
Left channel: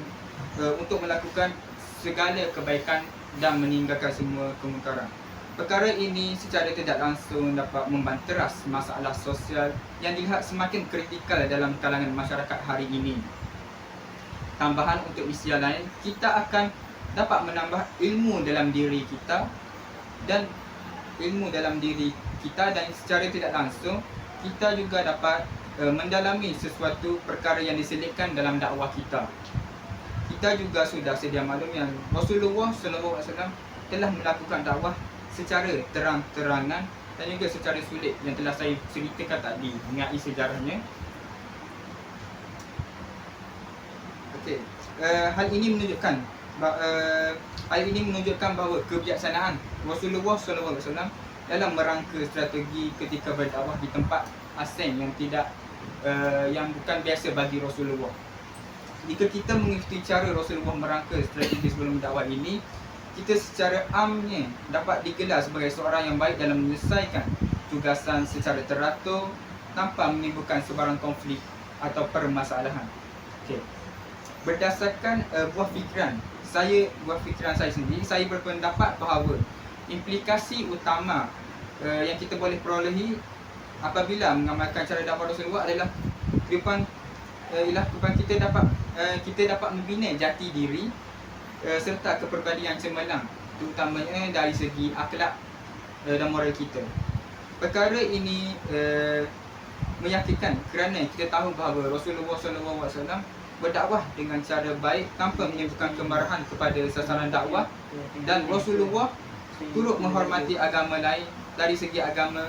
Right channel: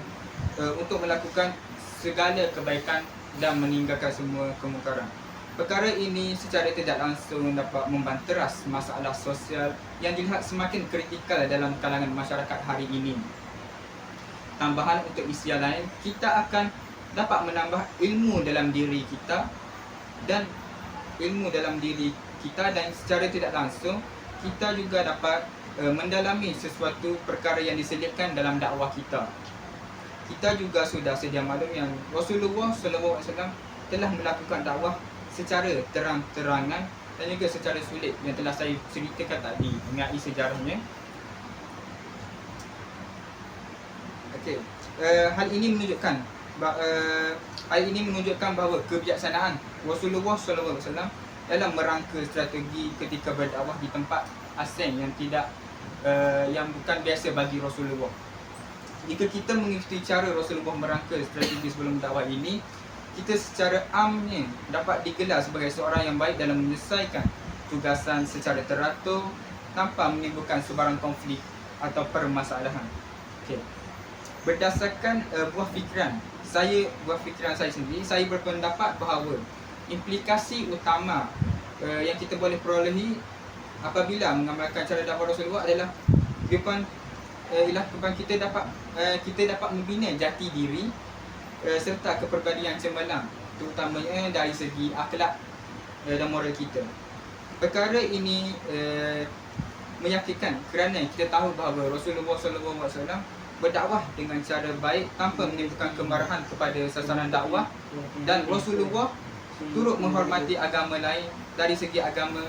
untuk melakukan segala kebaikan dan meninggalkan semua kemungkaran. Perkara ini secara tidak langsung dapat membanteras masalah sosial yang dilihat semakin kritikal dalam kalangan masyarakat hari ini. Tambahan untuk istilah lain, kita akan dapat menambah ilmu dalam diri kita dan secara tidak langsung kita juga dapat mendalami sesuatu perkara yang diselipkan dalam dakwah kita. Kita juga sudah sedia maklum yang Rasulullah SAW telah melakukan dakwah secara terang-terangan dan juga secara sulit yang telah saya ceritakan tadi mengenai sejarahnya. Okey, hal ini menunjukkan bahawa kebijaksanaan Rasulullah SAW dalam merangka strategi ketika berdakwah di tempat asing yang bukan biasa bagi Rasulullah. Jika kita mengikuti cara Rasulullah merangka strategi sebelum dakwah ini, kita secara amnya dapat digelar sebagai seorang yang baik dalam menyelesaikan tugasan secara teratur tanpa menimbulkan sebarang konflik atau permasalahan. Okey. Berdasarkan buah fikiran saya sendiri, saya berpendapat bahawa implikasi utama yang kita boleh perolehi apabila mengamalkan cara dakwah Rasulullah adalah kita dapat membina jati diri serta kepribadian cemerlang, terutamanya dari segi akhlak dan moral kita. Perkara ini meyakinkan kerana kita tahu bahawa Rasulullah SAW berdakwah dengan cara baik tanpa menimbulkan kemarahan kepada sasaran dakwah, dan Rasulullah turut menghormati agama lain dari segi agama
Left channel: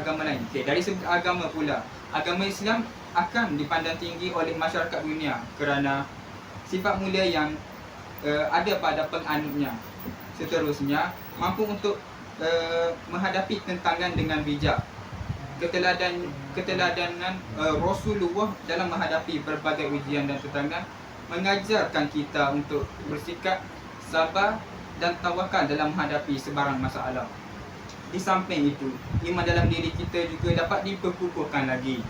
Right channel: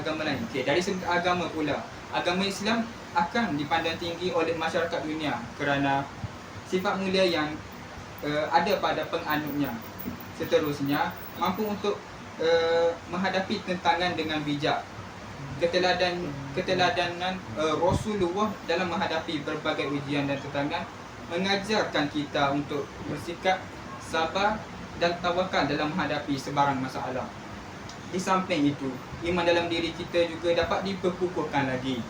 lain. Dari segi agama pula, agama Islam akan dipandang tinggi oleh masyarakat dunia kerana sifat mulia yang ada pada penganutnya. Seterusnya, mampu untuk menghadapi tentangan dengan bijak. Keteladanan Rasulullah dalam menghadapi berbagai ujian dan tentangan mengajarkan kita untuk bersikap sabar dan tawakal dalam menghadapi sebarang masalah. Di samping itu, iman dalam diri kita juga dapat diperkukuhkan lagi.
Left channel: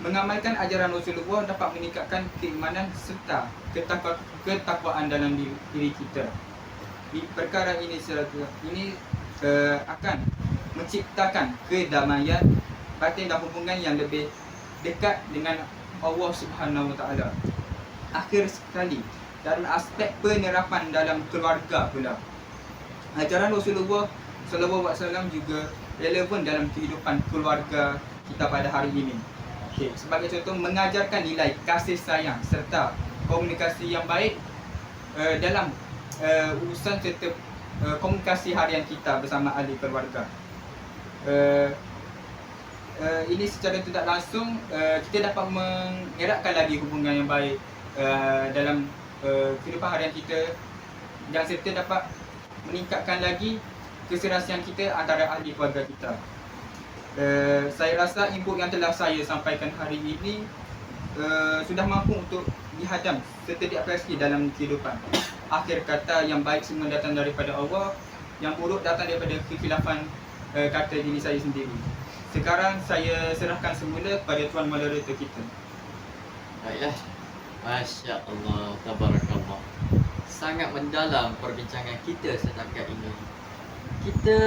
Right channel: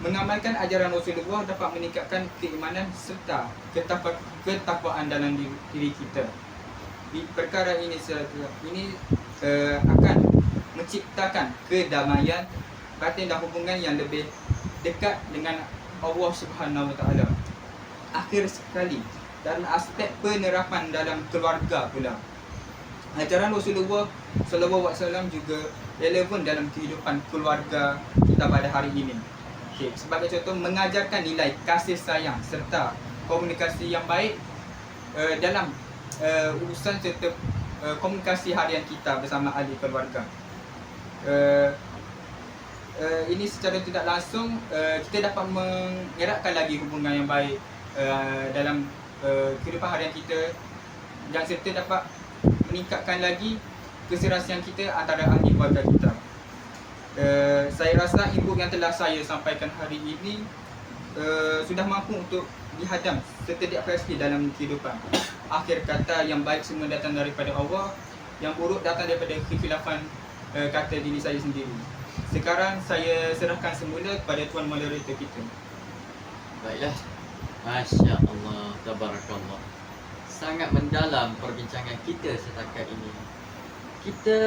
Mengamalkan ajaran Rasulullah dapat meningkatkan keimanan serta ketakwaan dalam diri kita. Di perkara ini akan menciptakan kedamaian batin dan hubungan yang lebih dekat dengan Allah Subhanahu Wa Taala. Akhir sekali, dalam aspek penerapan dalam keluarga pula, ajaran Rasulullah SAW juga relevan dalam kehidupan keluarga kita pada hari ini. Sebagai contoh, mengajarkan nilai kasih sayang serta komunikasi yang baik dalam urusan serta komunikasi harian kita bersama ahli keluarga. Ini secara tidak langsung kita dapat mengeratkan lagi hubungan yang baik dalam kehidupan harian kita, dan serta dapat meningkatkan lagi keserasian kita antara ahli keluarga kita. Saya rasa input yang telah saya sampaikan hari ini sudah mampu untuk dihadam serta diaplikasi dalam kehidupan. Akhir kata, yang baik semua datang daripada Allah, yang buruk datang daripada kekhilafan kata diri saya sendiri. Sekarang saya serahkan semula kepada tuan moderator kita. Baiklah. Masya Allah, tabarakallah. Sangat mendalam perbincangan kita setakat ini. Kita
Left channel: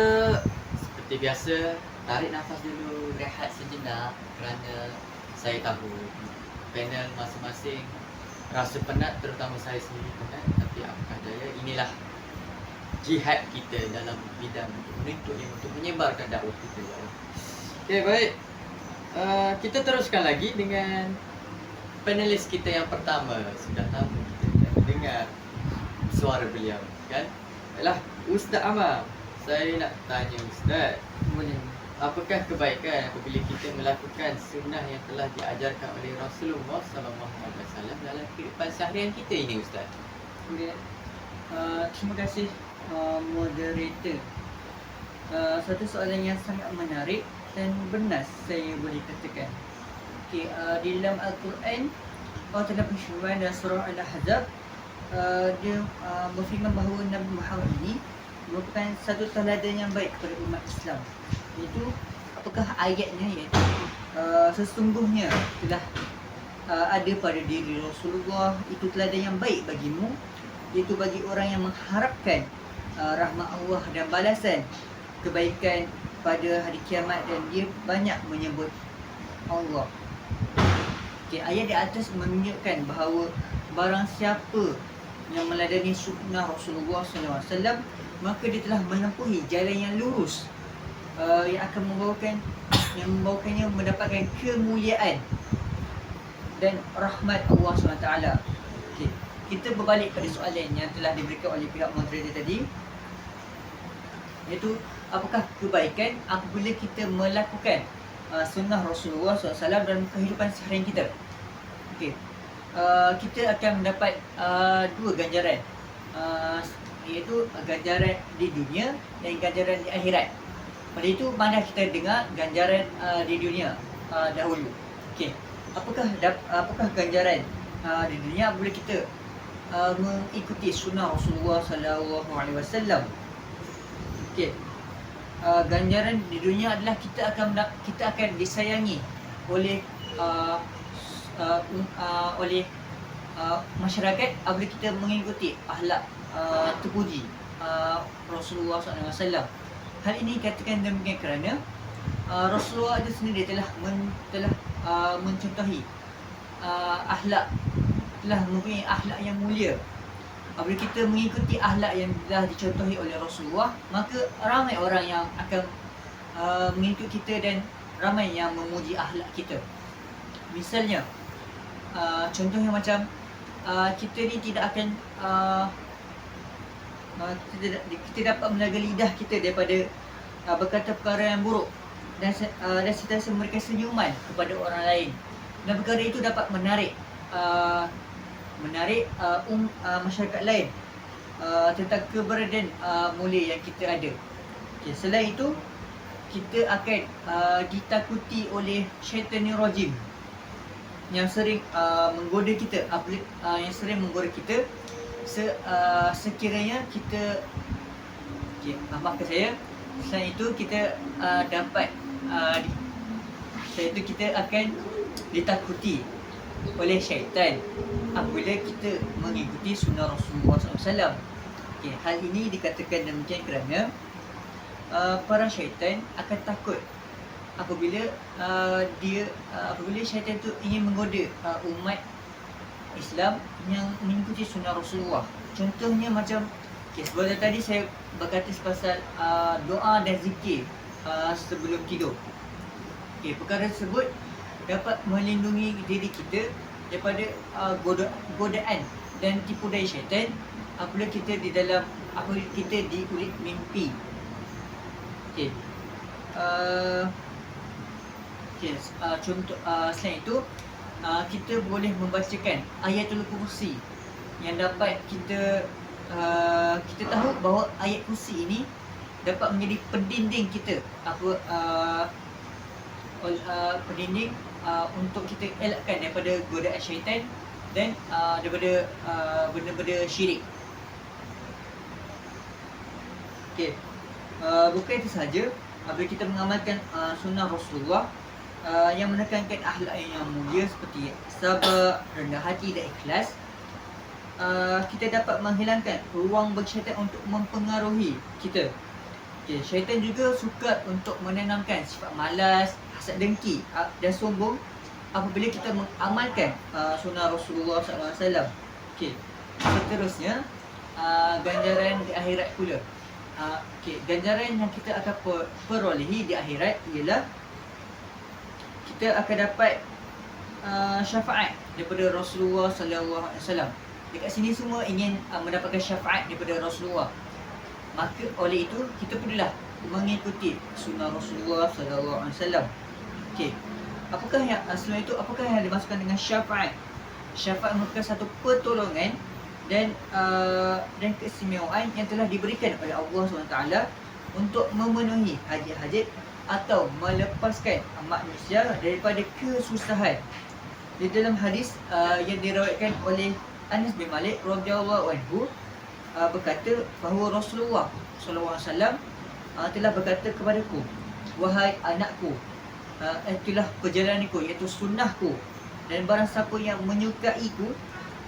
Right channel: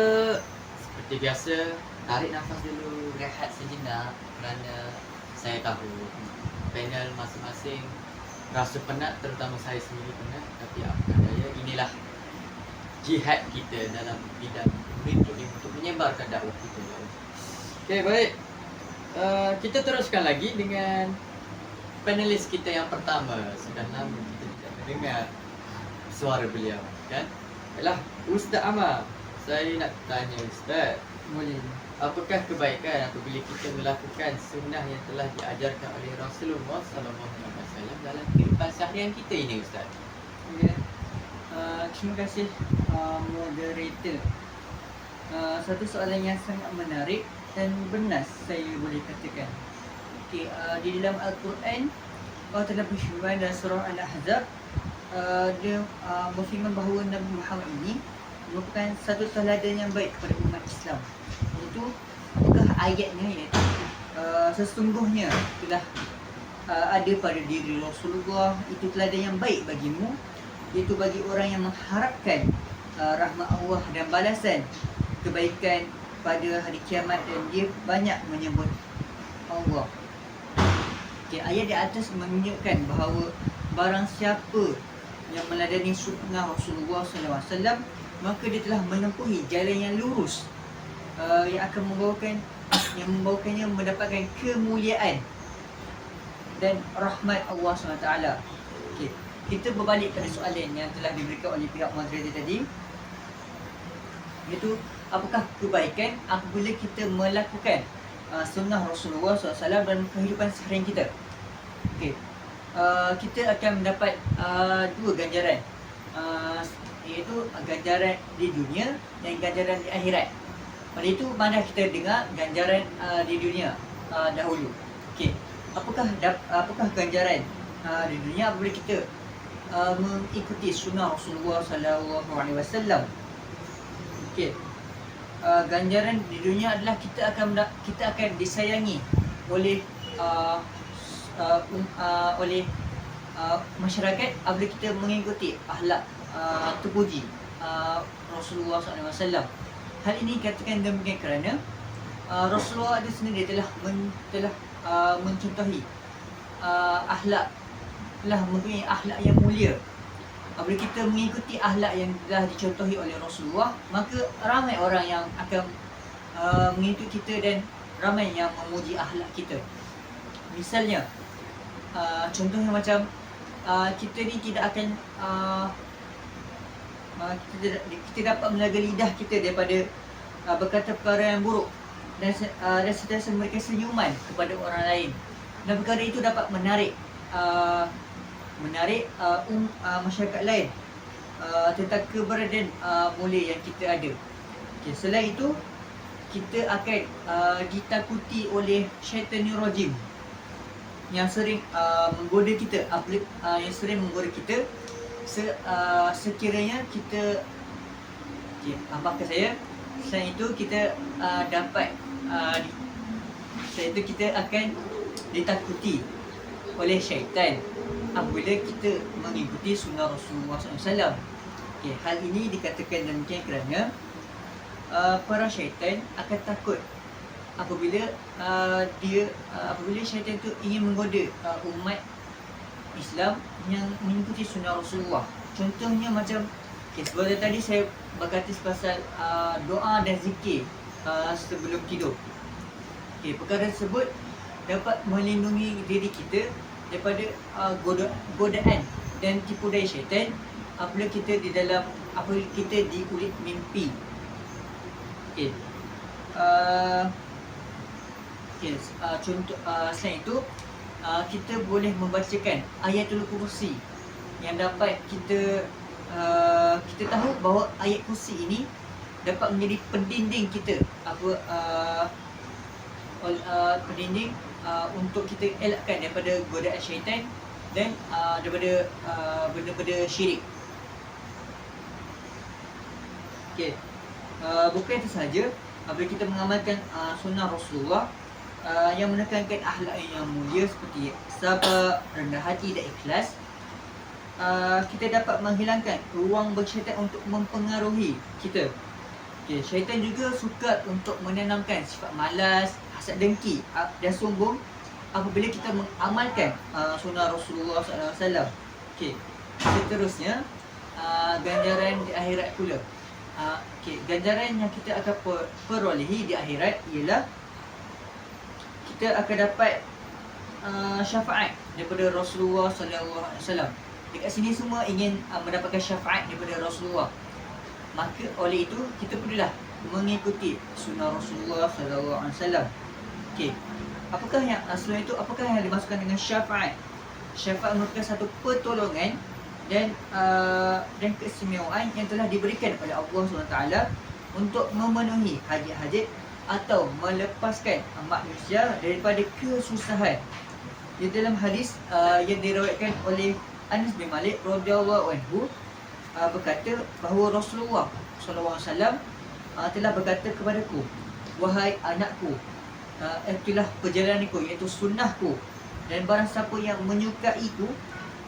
seperti biasa tarik nafas dulu, rehat sejenak, kerana saya tahu panel masing-masing rasa penat, terutama saya sendiri penat, tapi apakah daya, inilah jihad kita dalam bidang untuk menyebarkan dakwah kita. Okey, baik. Kita teruskan lagi dengan panelis kita yang pertama. Sudah lama kita tidak mendengar suara beliau, kan? Yalah, Ustaz Amar. Saya nak tanya Ustaz, Boleh. apakah kebaikan apabila kita melakukan sunnah yang telah diajarkan oleh Rasulullah SAW dalam kehidupan seharian kita ini, Ustaz? Okay. Terima kasih moderator. Satu soalan yang sangat menarik dan benar saya boleh katakan. Okay, di dalam Al-Quran Allah telah berfirman dalam surah Al-Ahzab, dia berfirman bahawa Nabi Muhammad ini merupakan satu teladan yang baik kepada umat Islam. Iaitu, apakah ayatnya? Iaitu sesungguhnya telah ada pada diri Rasulullah itu teladan yang baik bagimu, iaitu bagi orang yang mengharapkan rahmat Allah dan balasan kebaikan pada hari kiamat, dan dia banyak menyebut Allah. Okay, ayat di atas menunjukkan bahawa barang siapa yang meladani sunnah Rasulullah SAW, maka dia telah menempuhi jalan yang lurus, yang akan membawakannya mendapatkan kemuliaan dan rahmat Allah SWT. Okay, kita berbalik pada soalan yang telah diberikan oleh pihak moderator tadi, iaitu apakah kebaikan apabila kita melakukan sunnah Rasulullah SAW dalam kehidupan seharian kita. Okay, kita akan mendapat dua ganjaran, iaitu ganjaran di dunia dan ganjaran di akhirat. Pada itu, mana kita dengar ganjaran di dunia dahulu. Okay, apakah ganjaran di dunia apabila kita mengikuti sunnah Rasulullah SAW? Okay, ganjaran di dunia adalah kita akan disayangi oleh masyarakat apabila kita mengikuti akhlak terpuji Rasulullah SAW. Hal ini katakan demikian kerana Rasulullah itu sendiri telah mencontohi akhlak, telah mempunyai akhlak yang mulia. Apabila kita mengikuti akhlak yang telah dicontohi oleh Rasulullah, maka ramai orang yang akan mengikut kita dan ramai yang memuji akhlak kita. Misalnya, contohnya macam kita ni tidak akan kita dapat menjaga lidah kita daripada berkata perkara yang buruk dan sentiasa memberikan senyuman kepada orang lain, dan perkara itu dapat menarik masyarakat lain tentang keberadaan mulia yang kita ada. Okay, selain itu, kita akan ditakuti oleh syaitanir rajim yang sering menggoda kita, yang sering menggoda kita sekiranya kita, maafkan saya, selain itu kita kita akan ditakuti oleh syaitan apabila kita mengikuti sunnah Rasulullah SAW. Okay, hal ini dikatakan demikian kerana para syaitan akan takut apabila syaitan tu ingin menggoda umat Islam yang mengikuti sunnah Rasulullah. Contohnya macam, sebelum tadi saya berkata pasal doa dan zikir sebelum tidur. Perkara tersebut dapat melindungi diri kita daripada godaan dan tipu daya syaitan apabila kita diulik mimpi. Contoh selain itu, kita boleh membacakan ayatul kursi yang dapat kita tahu bahawa ayat kursi ini dapat menjadi pendinding kita, pendinding untuk kita elakkan daripada godaan syaitan dan daripada benda-benda syirik. Bukan itu sahaja, apabila kita mengamalkan sunnah Rasulullah yang menekankan akhlak yang mulia seperti sabar, rendah hati dan ikhlas, kita dapat menghilangkan ruang bagi syaitan untuk mempengaruhi kita. Syaitan juga suka untuk menanamkan sifat malas, hasad dengki dan sombong apabila kita mengamalkan sunnah Rasulullah SAW. Seterusnya, ganjaran di akhirat pula. Ganjaran yang kita akan perolehi di akhirat ialah kita akan dapat syafaat daripada Rasulullah SAW. Dekat sini semua ingin mendapatkan syafaat daripada Rasulullah. Maka oleh itu kita perlulah mengikuti sunnah Rasulullah SAW. Apakah yang selain itu, apakah yang dimaksudkan dengan syafaat? Syafaat merupakan satu pertolongan dan keistimewaan yang telah diberikan oleh Allah SWT untuk memenuhi hajat-hajat atau melepaskan manusia daripada kesusahan. Di dalam hadis yang diriwayatkan oleh Anas bin Malik radhiyallahu anhu berkata bahawa Rasulullah SAW telah berkata kepadaku, wahai anakku, itulah perjalananku, iaitu sunnahku, dan barang siapa yang menyukaiku,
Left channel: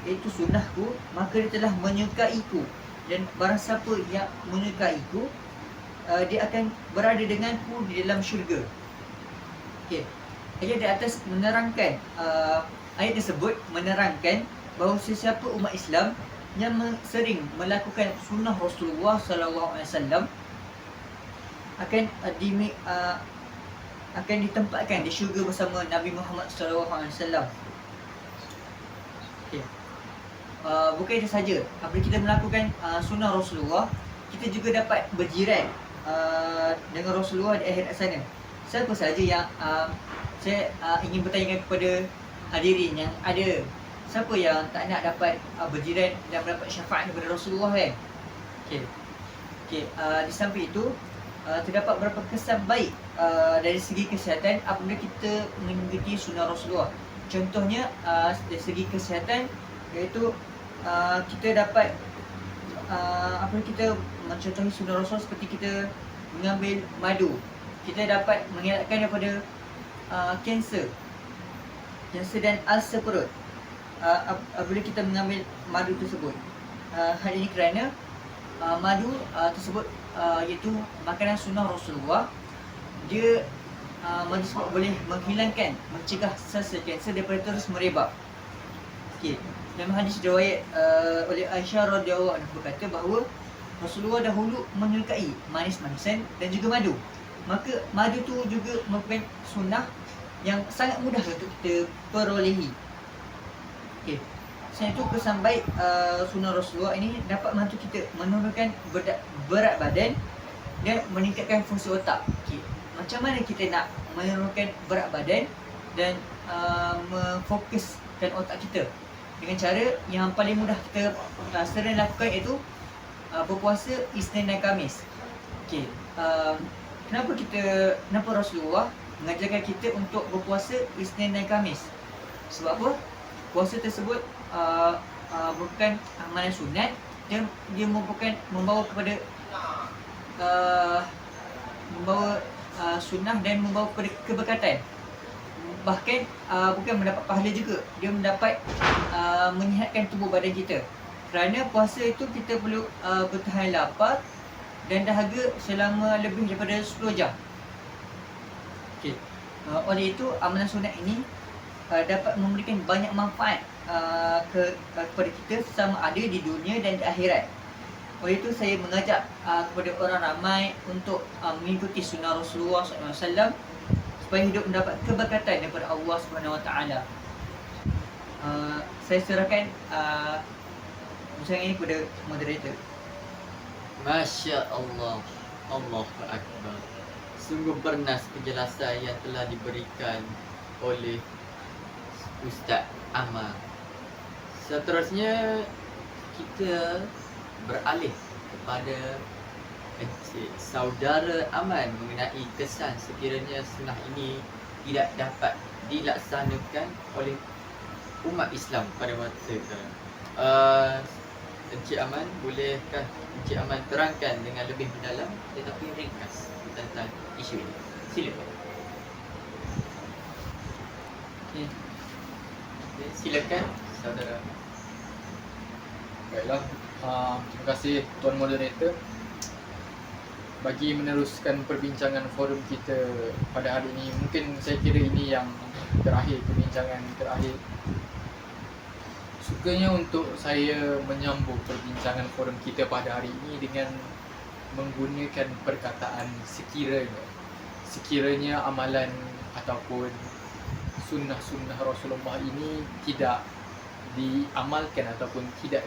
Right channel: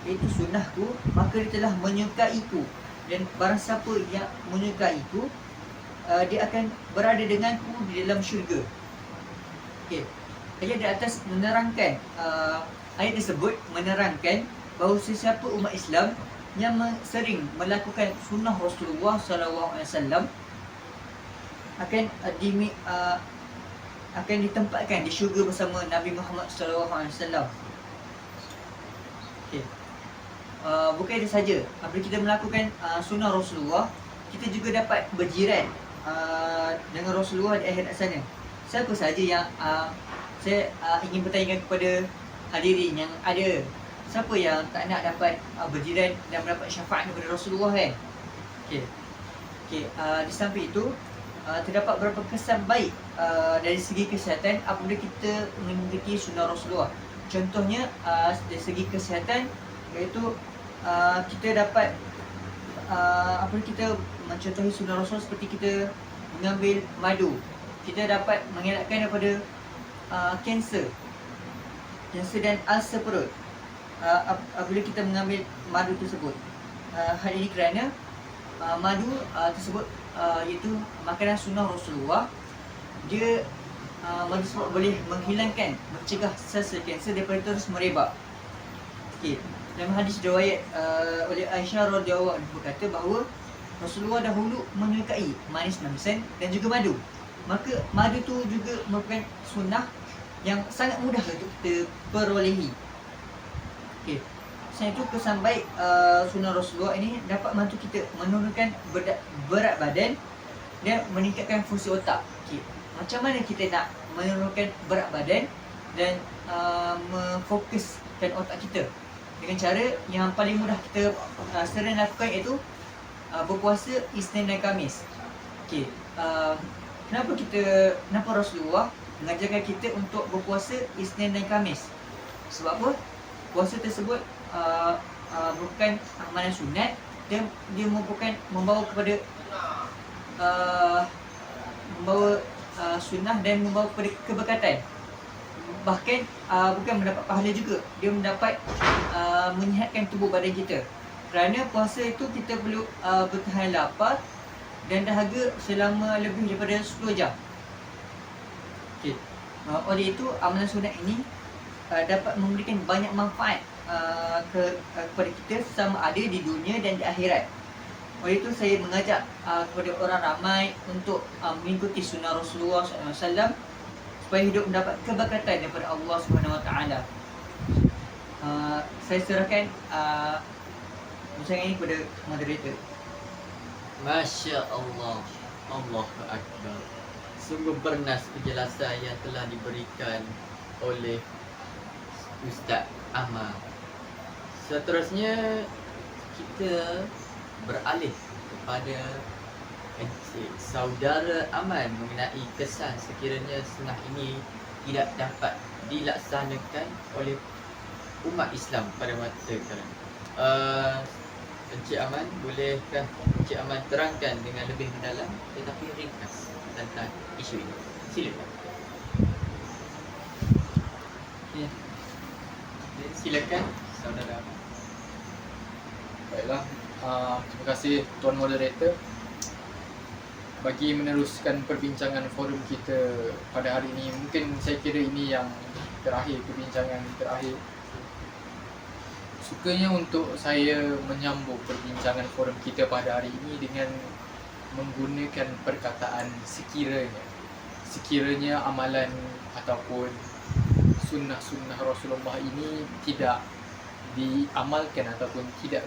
iaitu sunnahku, maka dia telah menyukaiku, dan barang siapa yang menyukaiku, dia akan berada denganku di dalam syurga. Ayat di atas menerangkan, ayat tersebut menerangkan bahawa sesiapa umat Islam yang sering melakukan sunnah Rasulullah SAW akan ditempatkan di syurga bersama Nabi Muhammad SAW. Bukan itu saja, apabila kita melakukan sunnah Rasulullah, kita juga dapat berjiran dengan Rasulullah di akhirat sana. Siapa sahaja yang saya ingin bertanyakan kepada hadirin yang ada, siapa yang tak nak dapat berjiran dan mendapat syafaat daripada Rasulullah kan? Di samping itu, terdapat beberapa kesan baik dari segi kesihatan apabila kita mengikuti sunnah Rasulullah. Contohnya dari segi kesihatan, iaitu kita dapat apabila kita mencontohi sunnah Rasul seperti kita mengambil madu, kita dapat mengelakkan daripada kanser dan ulcer perut apabila kita mengambil madu tersebut. Hal ini kerana madu tersebut iaitu makanan sunnah Rasulullah. Dia madu tersebut boleh menghilangkan, mencegah sel kanser daripada terus merebak. Dalam hadis riwayat oleh Aisyah radhiyallahu anha berkata bahawa Rasulullah dahulu menyukai manis-manisan dan juga madu. maka madu tu juga merupakan sunnah yang sangat mudah untuk kita perolehi. Okey. Selain itu, kesan baik sunnah Rasulullah ini dapat membantu kita menurunkan berat badan dan meningkatkan fungsi otak. Okey. Macam mana kita nak menurunkan berat badan dan memfokuskan otak kita? Dengan cara yang paling mudah kita sering lakukan, iaitu berpuasa Isnin dan Khamis. Okey, kenapa Rasulullah mengajarkan kita untuk berpuasa Isnin dan Khamis? Sebab apa? Puasa tersebut bukan amalan sunat, dia merupakan membawa kepada sunnah dan membawa kepada keberkatan. Bahkan bukan mendapat pahala juga, dia mendapat menyihatkan tubuh badan kita. Kerana puasa itu kita perlu bertahan lapar dan dahaga selama lebih daripada 10 jam. Okey. Oleh itu, amalan sunat ini dapat memberikan banyak manfaat kepada kita sama ada di dunia dan di akhirat. Oleh itu, saya mengajak kepada orang ramai untuk mengikuti sunnah Rasulullah SAW supaya hidup mendapat keberkatan daripada Allah SWT. Saya serahkan rancangan ini kepada moderator. Masya Allah, Allahu Akbar. Sungguh bernas penjelasan yang telah diberikan oleh Ustaz Ahmad. Seterusnya kita beralih kepada Encik Saudara Aman mengenai kesan sekiranya sunnah ini tidak dapat dilaksanakan oleh umat Islam pada masa sekarang. Encik Aman, bolehkah Encik Aman terangkan dengan lebih mendalam tetapi ringkas tentang isu ini? Silakan. Ya. Silakan Saudara Aman. Baiklah, terima kasih Tuan Moderator bagi meneruskan perbincangan forum kita pada hari ini. Mungkin saya kira ini yang terakhir, perbincangan terakhir. Sukanya untuk saya menyambung perbincangan forum kita pada hari ini dengan menggunakan perkataan sekiranya amalan ataupun sunnah-sunnah Rasulullah ini tidak diamalkan ataupun tidak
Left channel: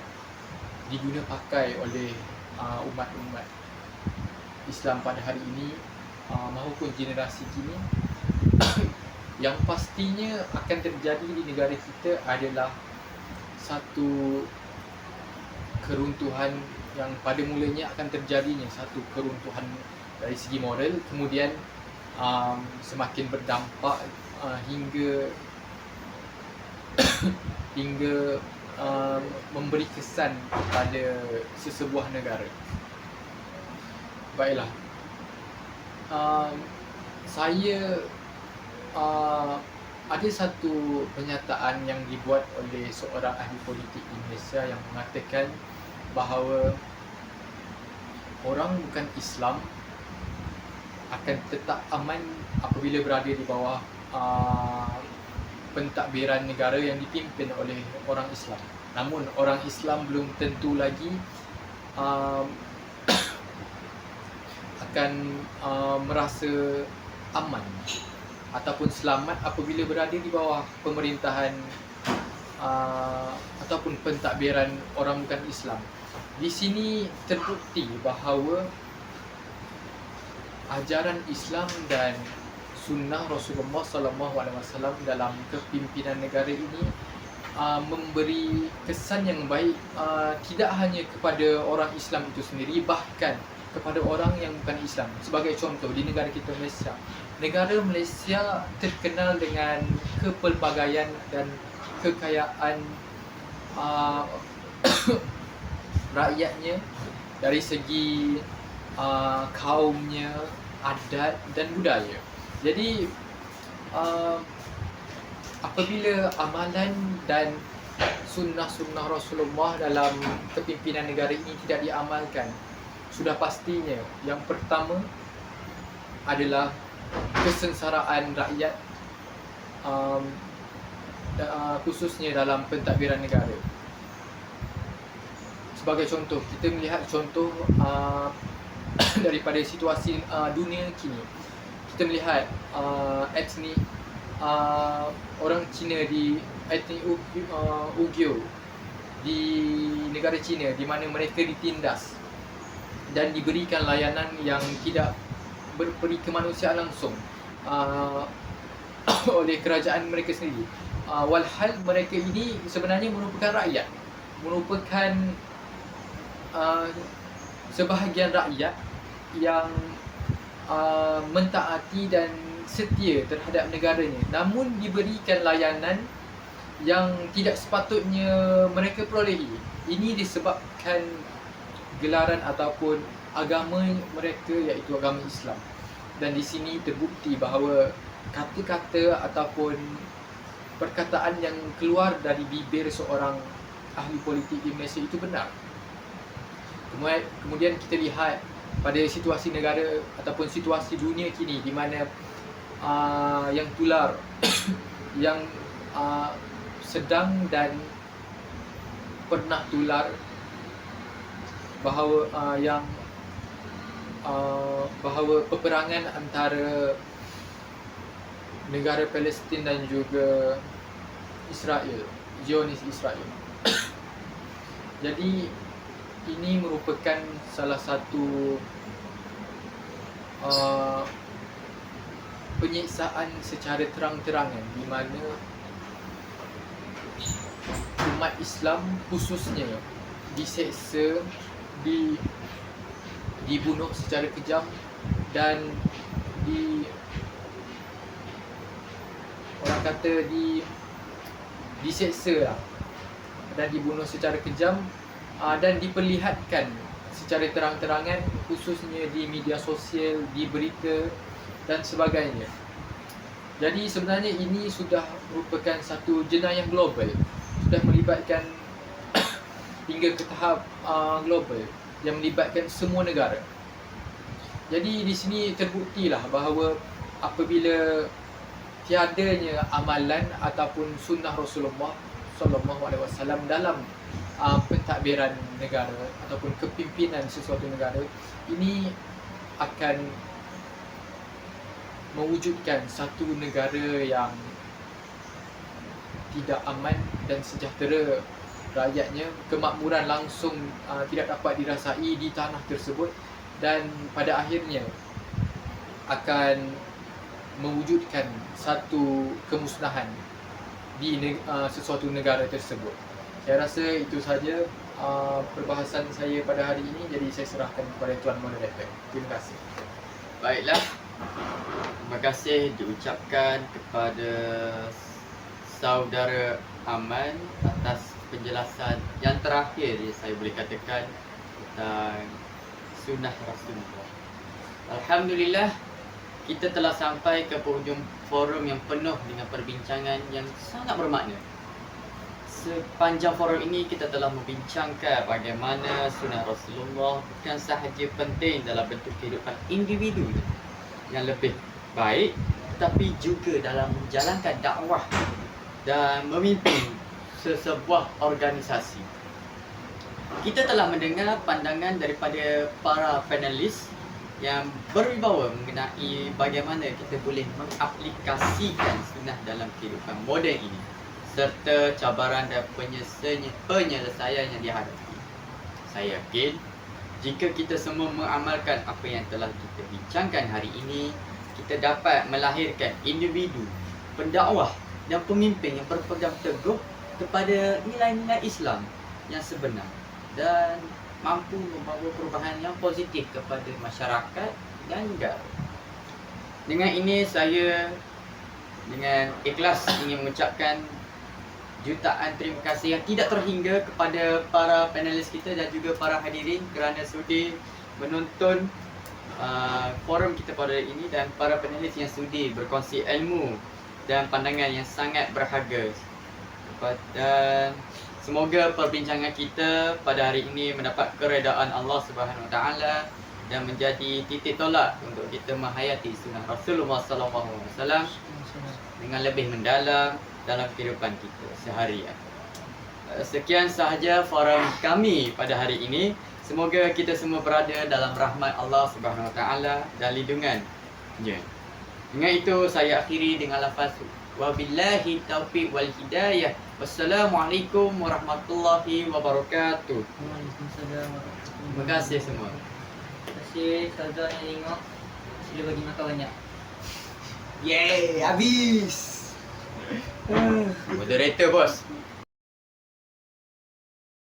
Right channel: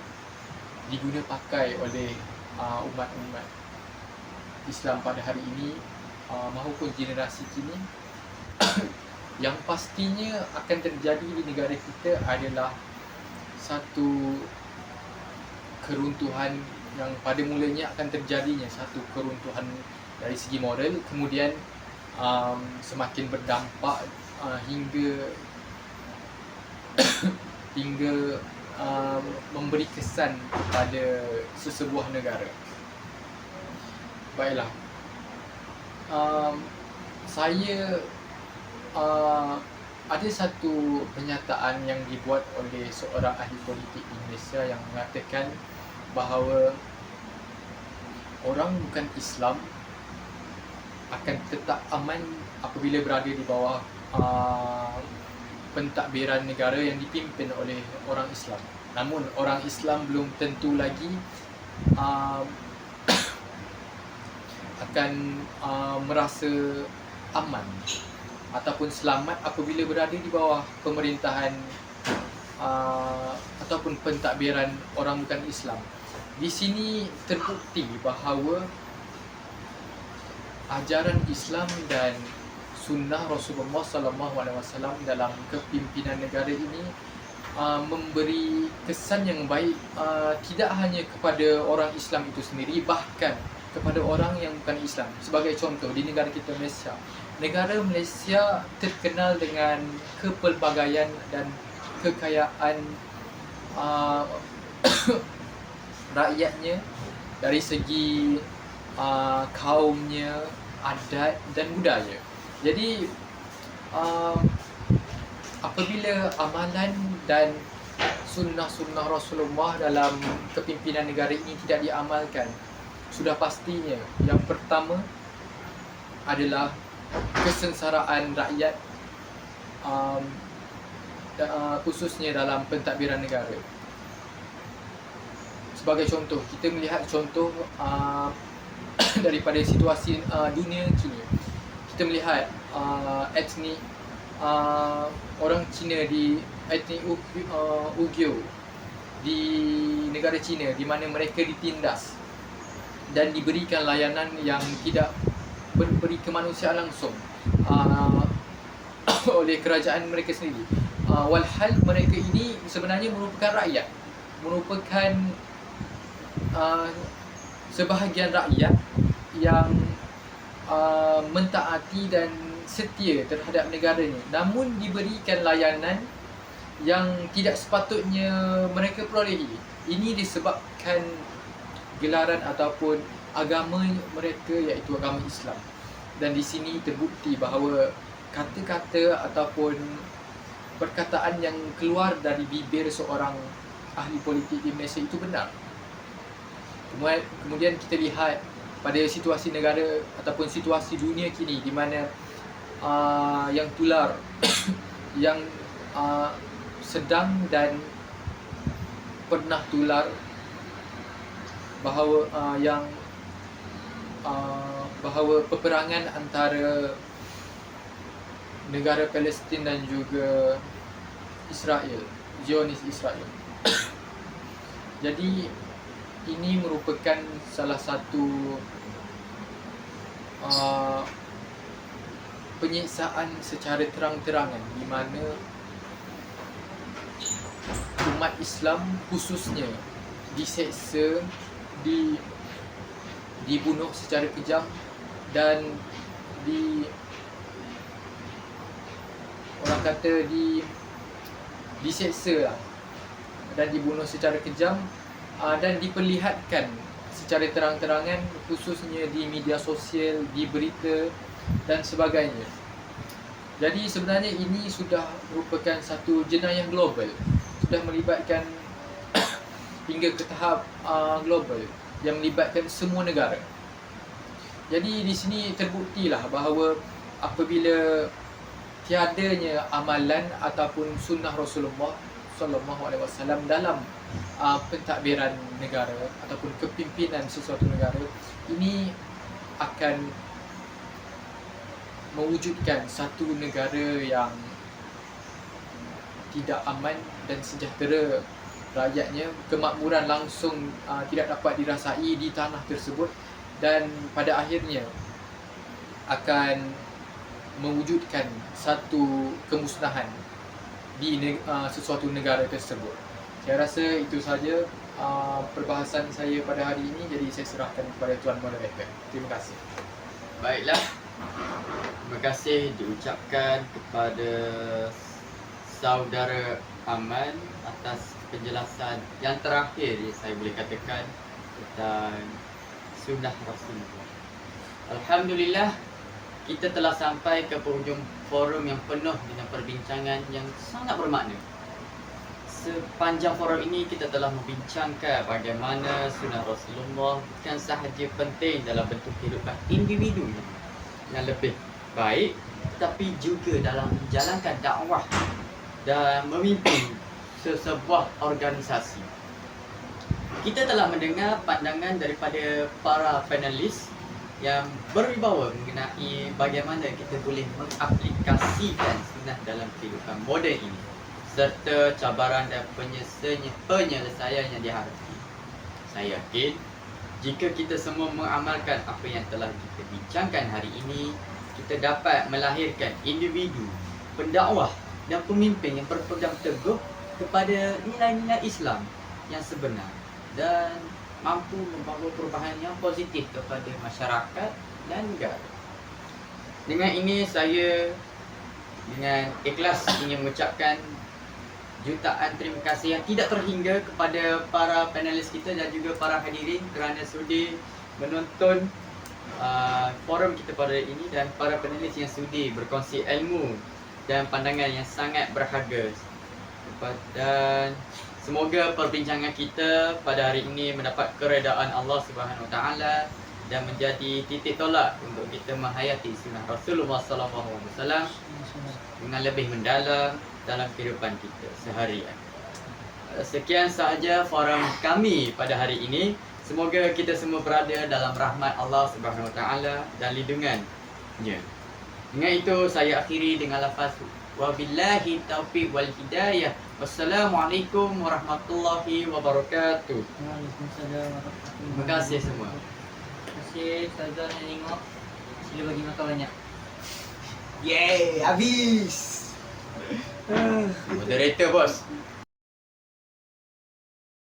diguna pakai oleh umat-umat Islam pada hari ini maupun generasi kini, yang pastinya akan terjadi di negara kita adalah satu keruntuhan yang pada mulanya akan terjadinya satu keruntuhan dari segi moral, kemudian semakin berdampak hingga memberi kesan pada sesebuah negara. Baiklah, saya ada satu pernyataan yang dibuat oleh seorang ahli politik di Malaysia yang mengatakan bahawa orang bukan Islam akan tetap aman apabila berada di bawah pentadbiran negara yang dipimpin oleh orang Islam. Namun orang Islam belum tentu lagi akan merasa aman ataupun selamat apabila berada di bawah pemerintahan ataupun pentadbiran orang bukan Islam. Di sini terbukti bahawa ajaran Islam dan sunnah Rasulullah SAW dalam kepimpinan negara ini memberi kesan yang baik tidak hanya kepada orang Islam itu sendiri, bahkan kepada orang yang bukan Islam. Sebagai contoh, di negara kita Malaysia, negara Malaysia terkenal dengan kepelbagaian dan kekayaan rakyatnya dari segi kaumnya, adat dan budaya. Jadi apabila amalan dan sunnah-sunnah Rasulullah dalam kepimpinan negara ini tidak diamalkan, sudah pastinya yang pertama adalah kesengsaraan rakyat, khususnya dalam pentadbiran negara. Sebagai contoh, kita melihat contoh daripada situasi dunia kini. Kita melihat etnik orang Cina di etnik Uyghur di negara Cina, di mana mereka ditindas dan diberikan layanan yang tidak berberi kemanusiaan langsung oleh kerajaan mereka sendiri. Walhal mereka ini sebenarnya merupakan rakyat, merupakan sebahagian rakyat yang mentaati dan setia terhadap negaranya, namun diberikan layanan yang tidak sepatutnya mereka perolehi. Ini disebabkan gelaran ataupun agama mereka, iaitu agama Islam. Dan di sini terbukti bahawa kata-kata ataupun perkataan yang keluar dari bibir seorang ahli politik di Malaysia itu benar. Kemudian kita lihat pada situasi negara ataupun situasi dunia kini, di mana yang tular yang sedang dan pernah tular, bahawa peperangan antara negara Palestin dan juga Israel, Zionis Israel. Jadi ini merupakan salah satu penyiksaan secara terang-terangan, di mana umat Islam khususnya diseksa, dibunuh secara kejam dan orang kata diseksa lah, dan dibunuh secara kejam dan diperlihatkan secara terang-terangan, khususnya di media sosial, di berita dan sebagainya. Jadi sebenarnya ini sudah merupakan satu jenayah global, sudah melibatkan hingga ke tahap global yang melibatkan semua negara. Jadi di sini terbuktilah bahawa apabila tiadanya amalan ataupun sunnah Rasulullah SAW dalam pentadbiran negara ataupun kepimpinan sesuatu negara, ini akan mewujudkan satu negara yang tidak aman dan sejahtera rakyatnya. Kemakmuran langsung tidak dapat dirasai di tanah tersebut, dan pada akhirnya akan mewujudkan satu kemusnahan di sesuatu negara tersebut. Saya rasa itu saja perbahasan saya pada hari ini. Jadi saya serahkan kepada Tuan Moderator. Terima kasih. Baiklah, terima kasih diucapkan kepada saudara Aman atas penjelasan yang terakhir yang saya boleh katakan tentang sunnah Rasulullah. Alhamdulillah, kita telah sampai ke penghujung forum yang penuh dengan perbincangan yang sangat bermakna. Sepanjang forum ini kita telah membincangkan bagaimana sunnah Rasulullah bukan sahaja penting dalam bentuk kehidupan individu yang lebih baik, tetapi juga dalam menjalankan dakwah dan memimpin sesebuah organisasi. Kita telah mendengar pandangan daripada para panelis yang berwibawa mengenai bagaimana kita boleh mengaplikasikan sunnah dalam kehidupan moden ini, serta cabaran dan penyelesaian yang dihadapi. Saya yakin jika kita semua mengamalkan apa yang telah kita bincangkan hari ini, kita dapat melahirkan individu, pendakwah dan pemimpin yang berpegang teguh kepada nilai-nilai Islam yang sebenar dan mampu membawa perubahan yang positif kepada masyarakat dan negara. Dengan ini saya dengan ikhlas ingin mengucapkan jutaan terima kasih yang tidak terhingga kepada para panelis kita dan juga para hadirin kerana sudi menonton forum kita pada hari ini, dan para panelis yang sudi berkongsi ilmu dan pandangan yang sangat berharga. Dan semoga perbincangan kita pada hari ini mendapat keredaan Allah Subhanahu Wa Taala dan menjadi titik tolak untuk kita menghayati sunnah Rasulullah SAW dengan lebih mendalam dalam kehidupan kita seharian. Sekian sahaja forum kami pada hari ini. Semoga kita semua berada dalam rahmat Allah Subhanahu Wa Taala dan lindungannya. Dengan itu saya akhiri dengan lafaz wabillahi taufiq wal hidayah. Wassalamualaikum warahmatullahi wabarakatuh. Waalaikumsalam warahmatullahi Terima kasih semua. Terima kasih Ustazah yang tengok. Sila bagi makan banyak. Yeay, habis. Moderator bos.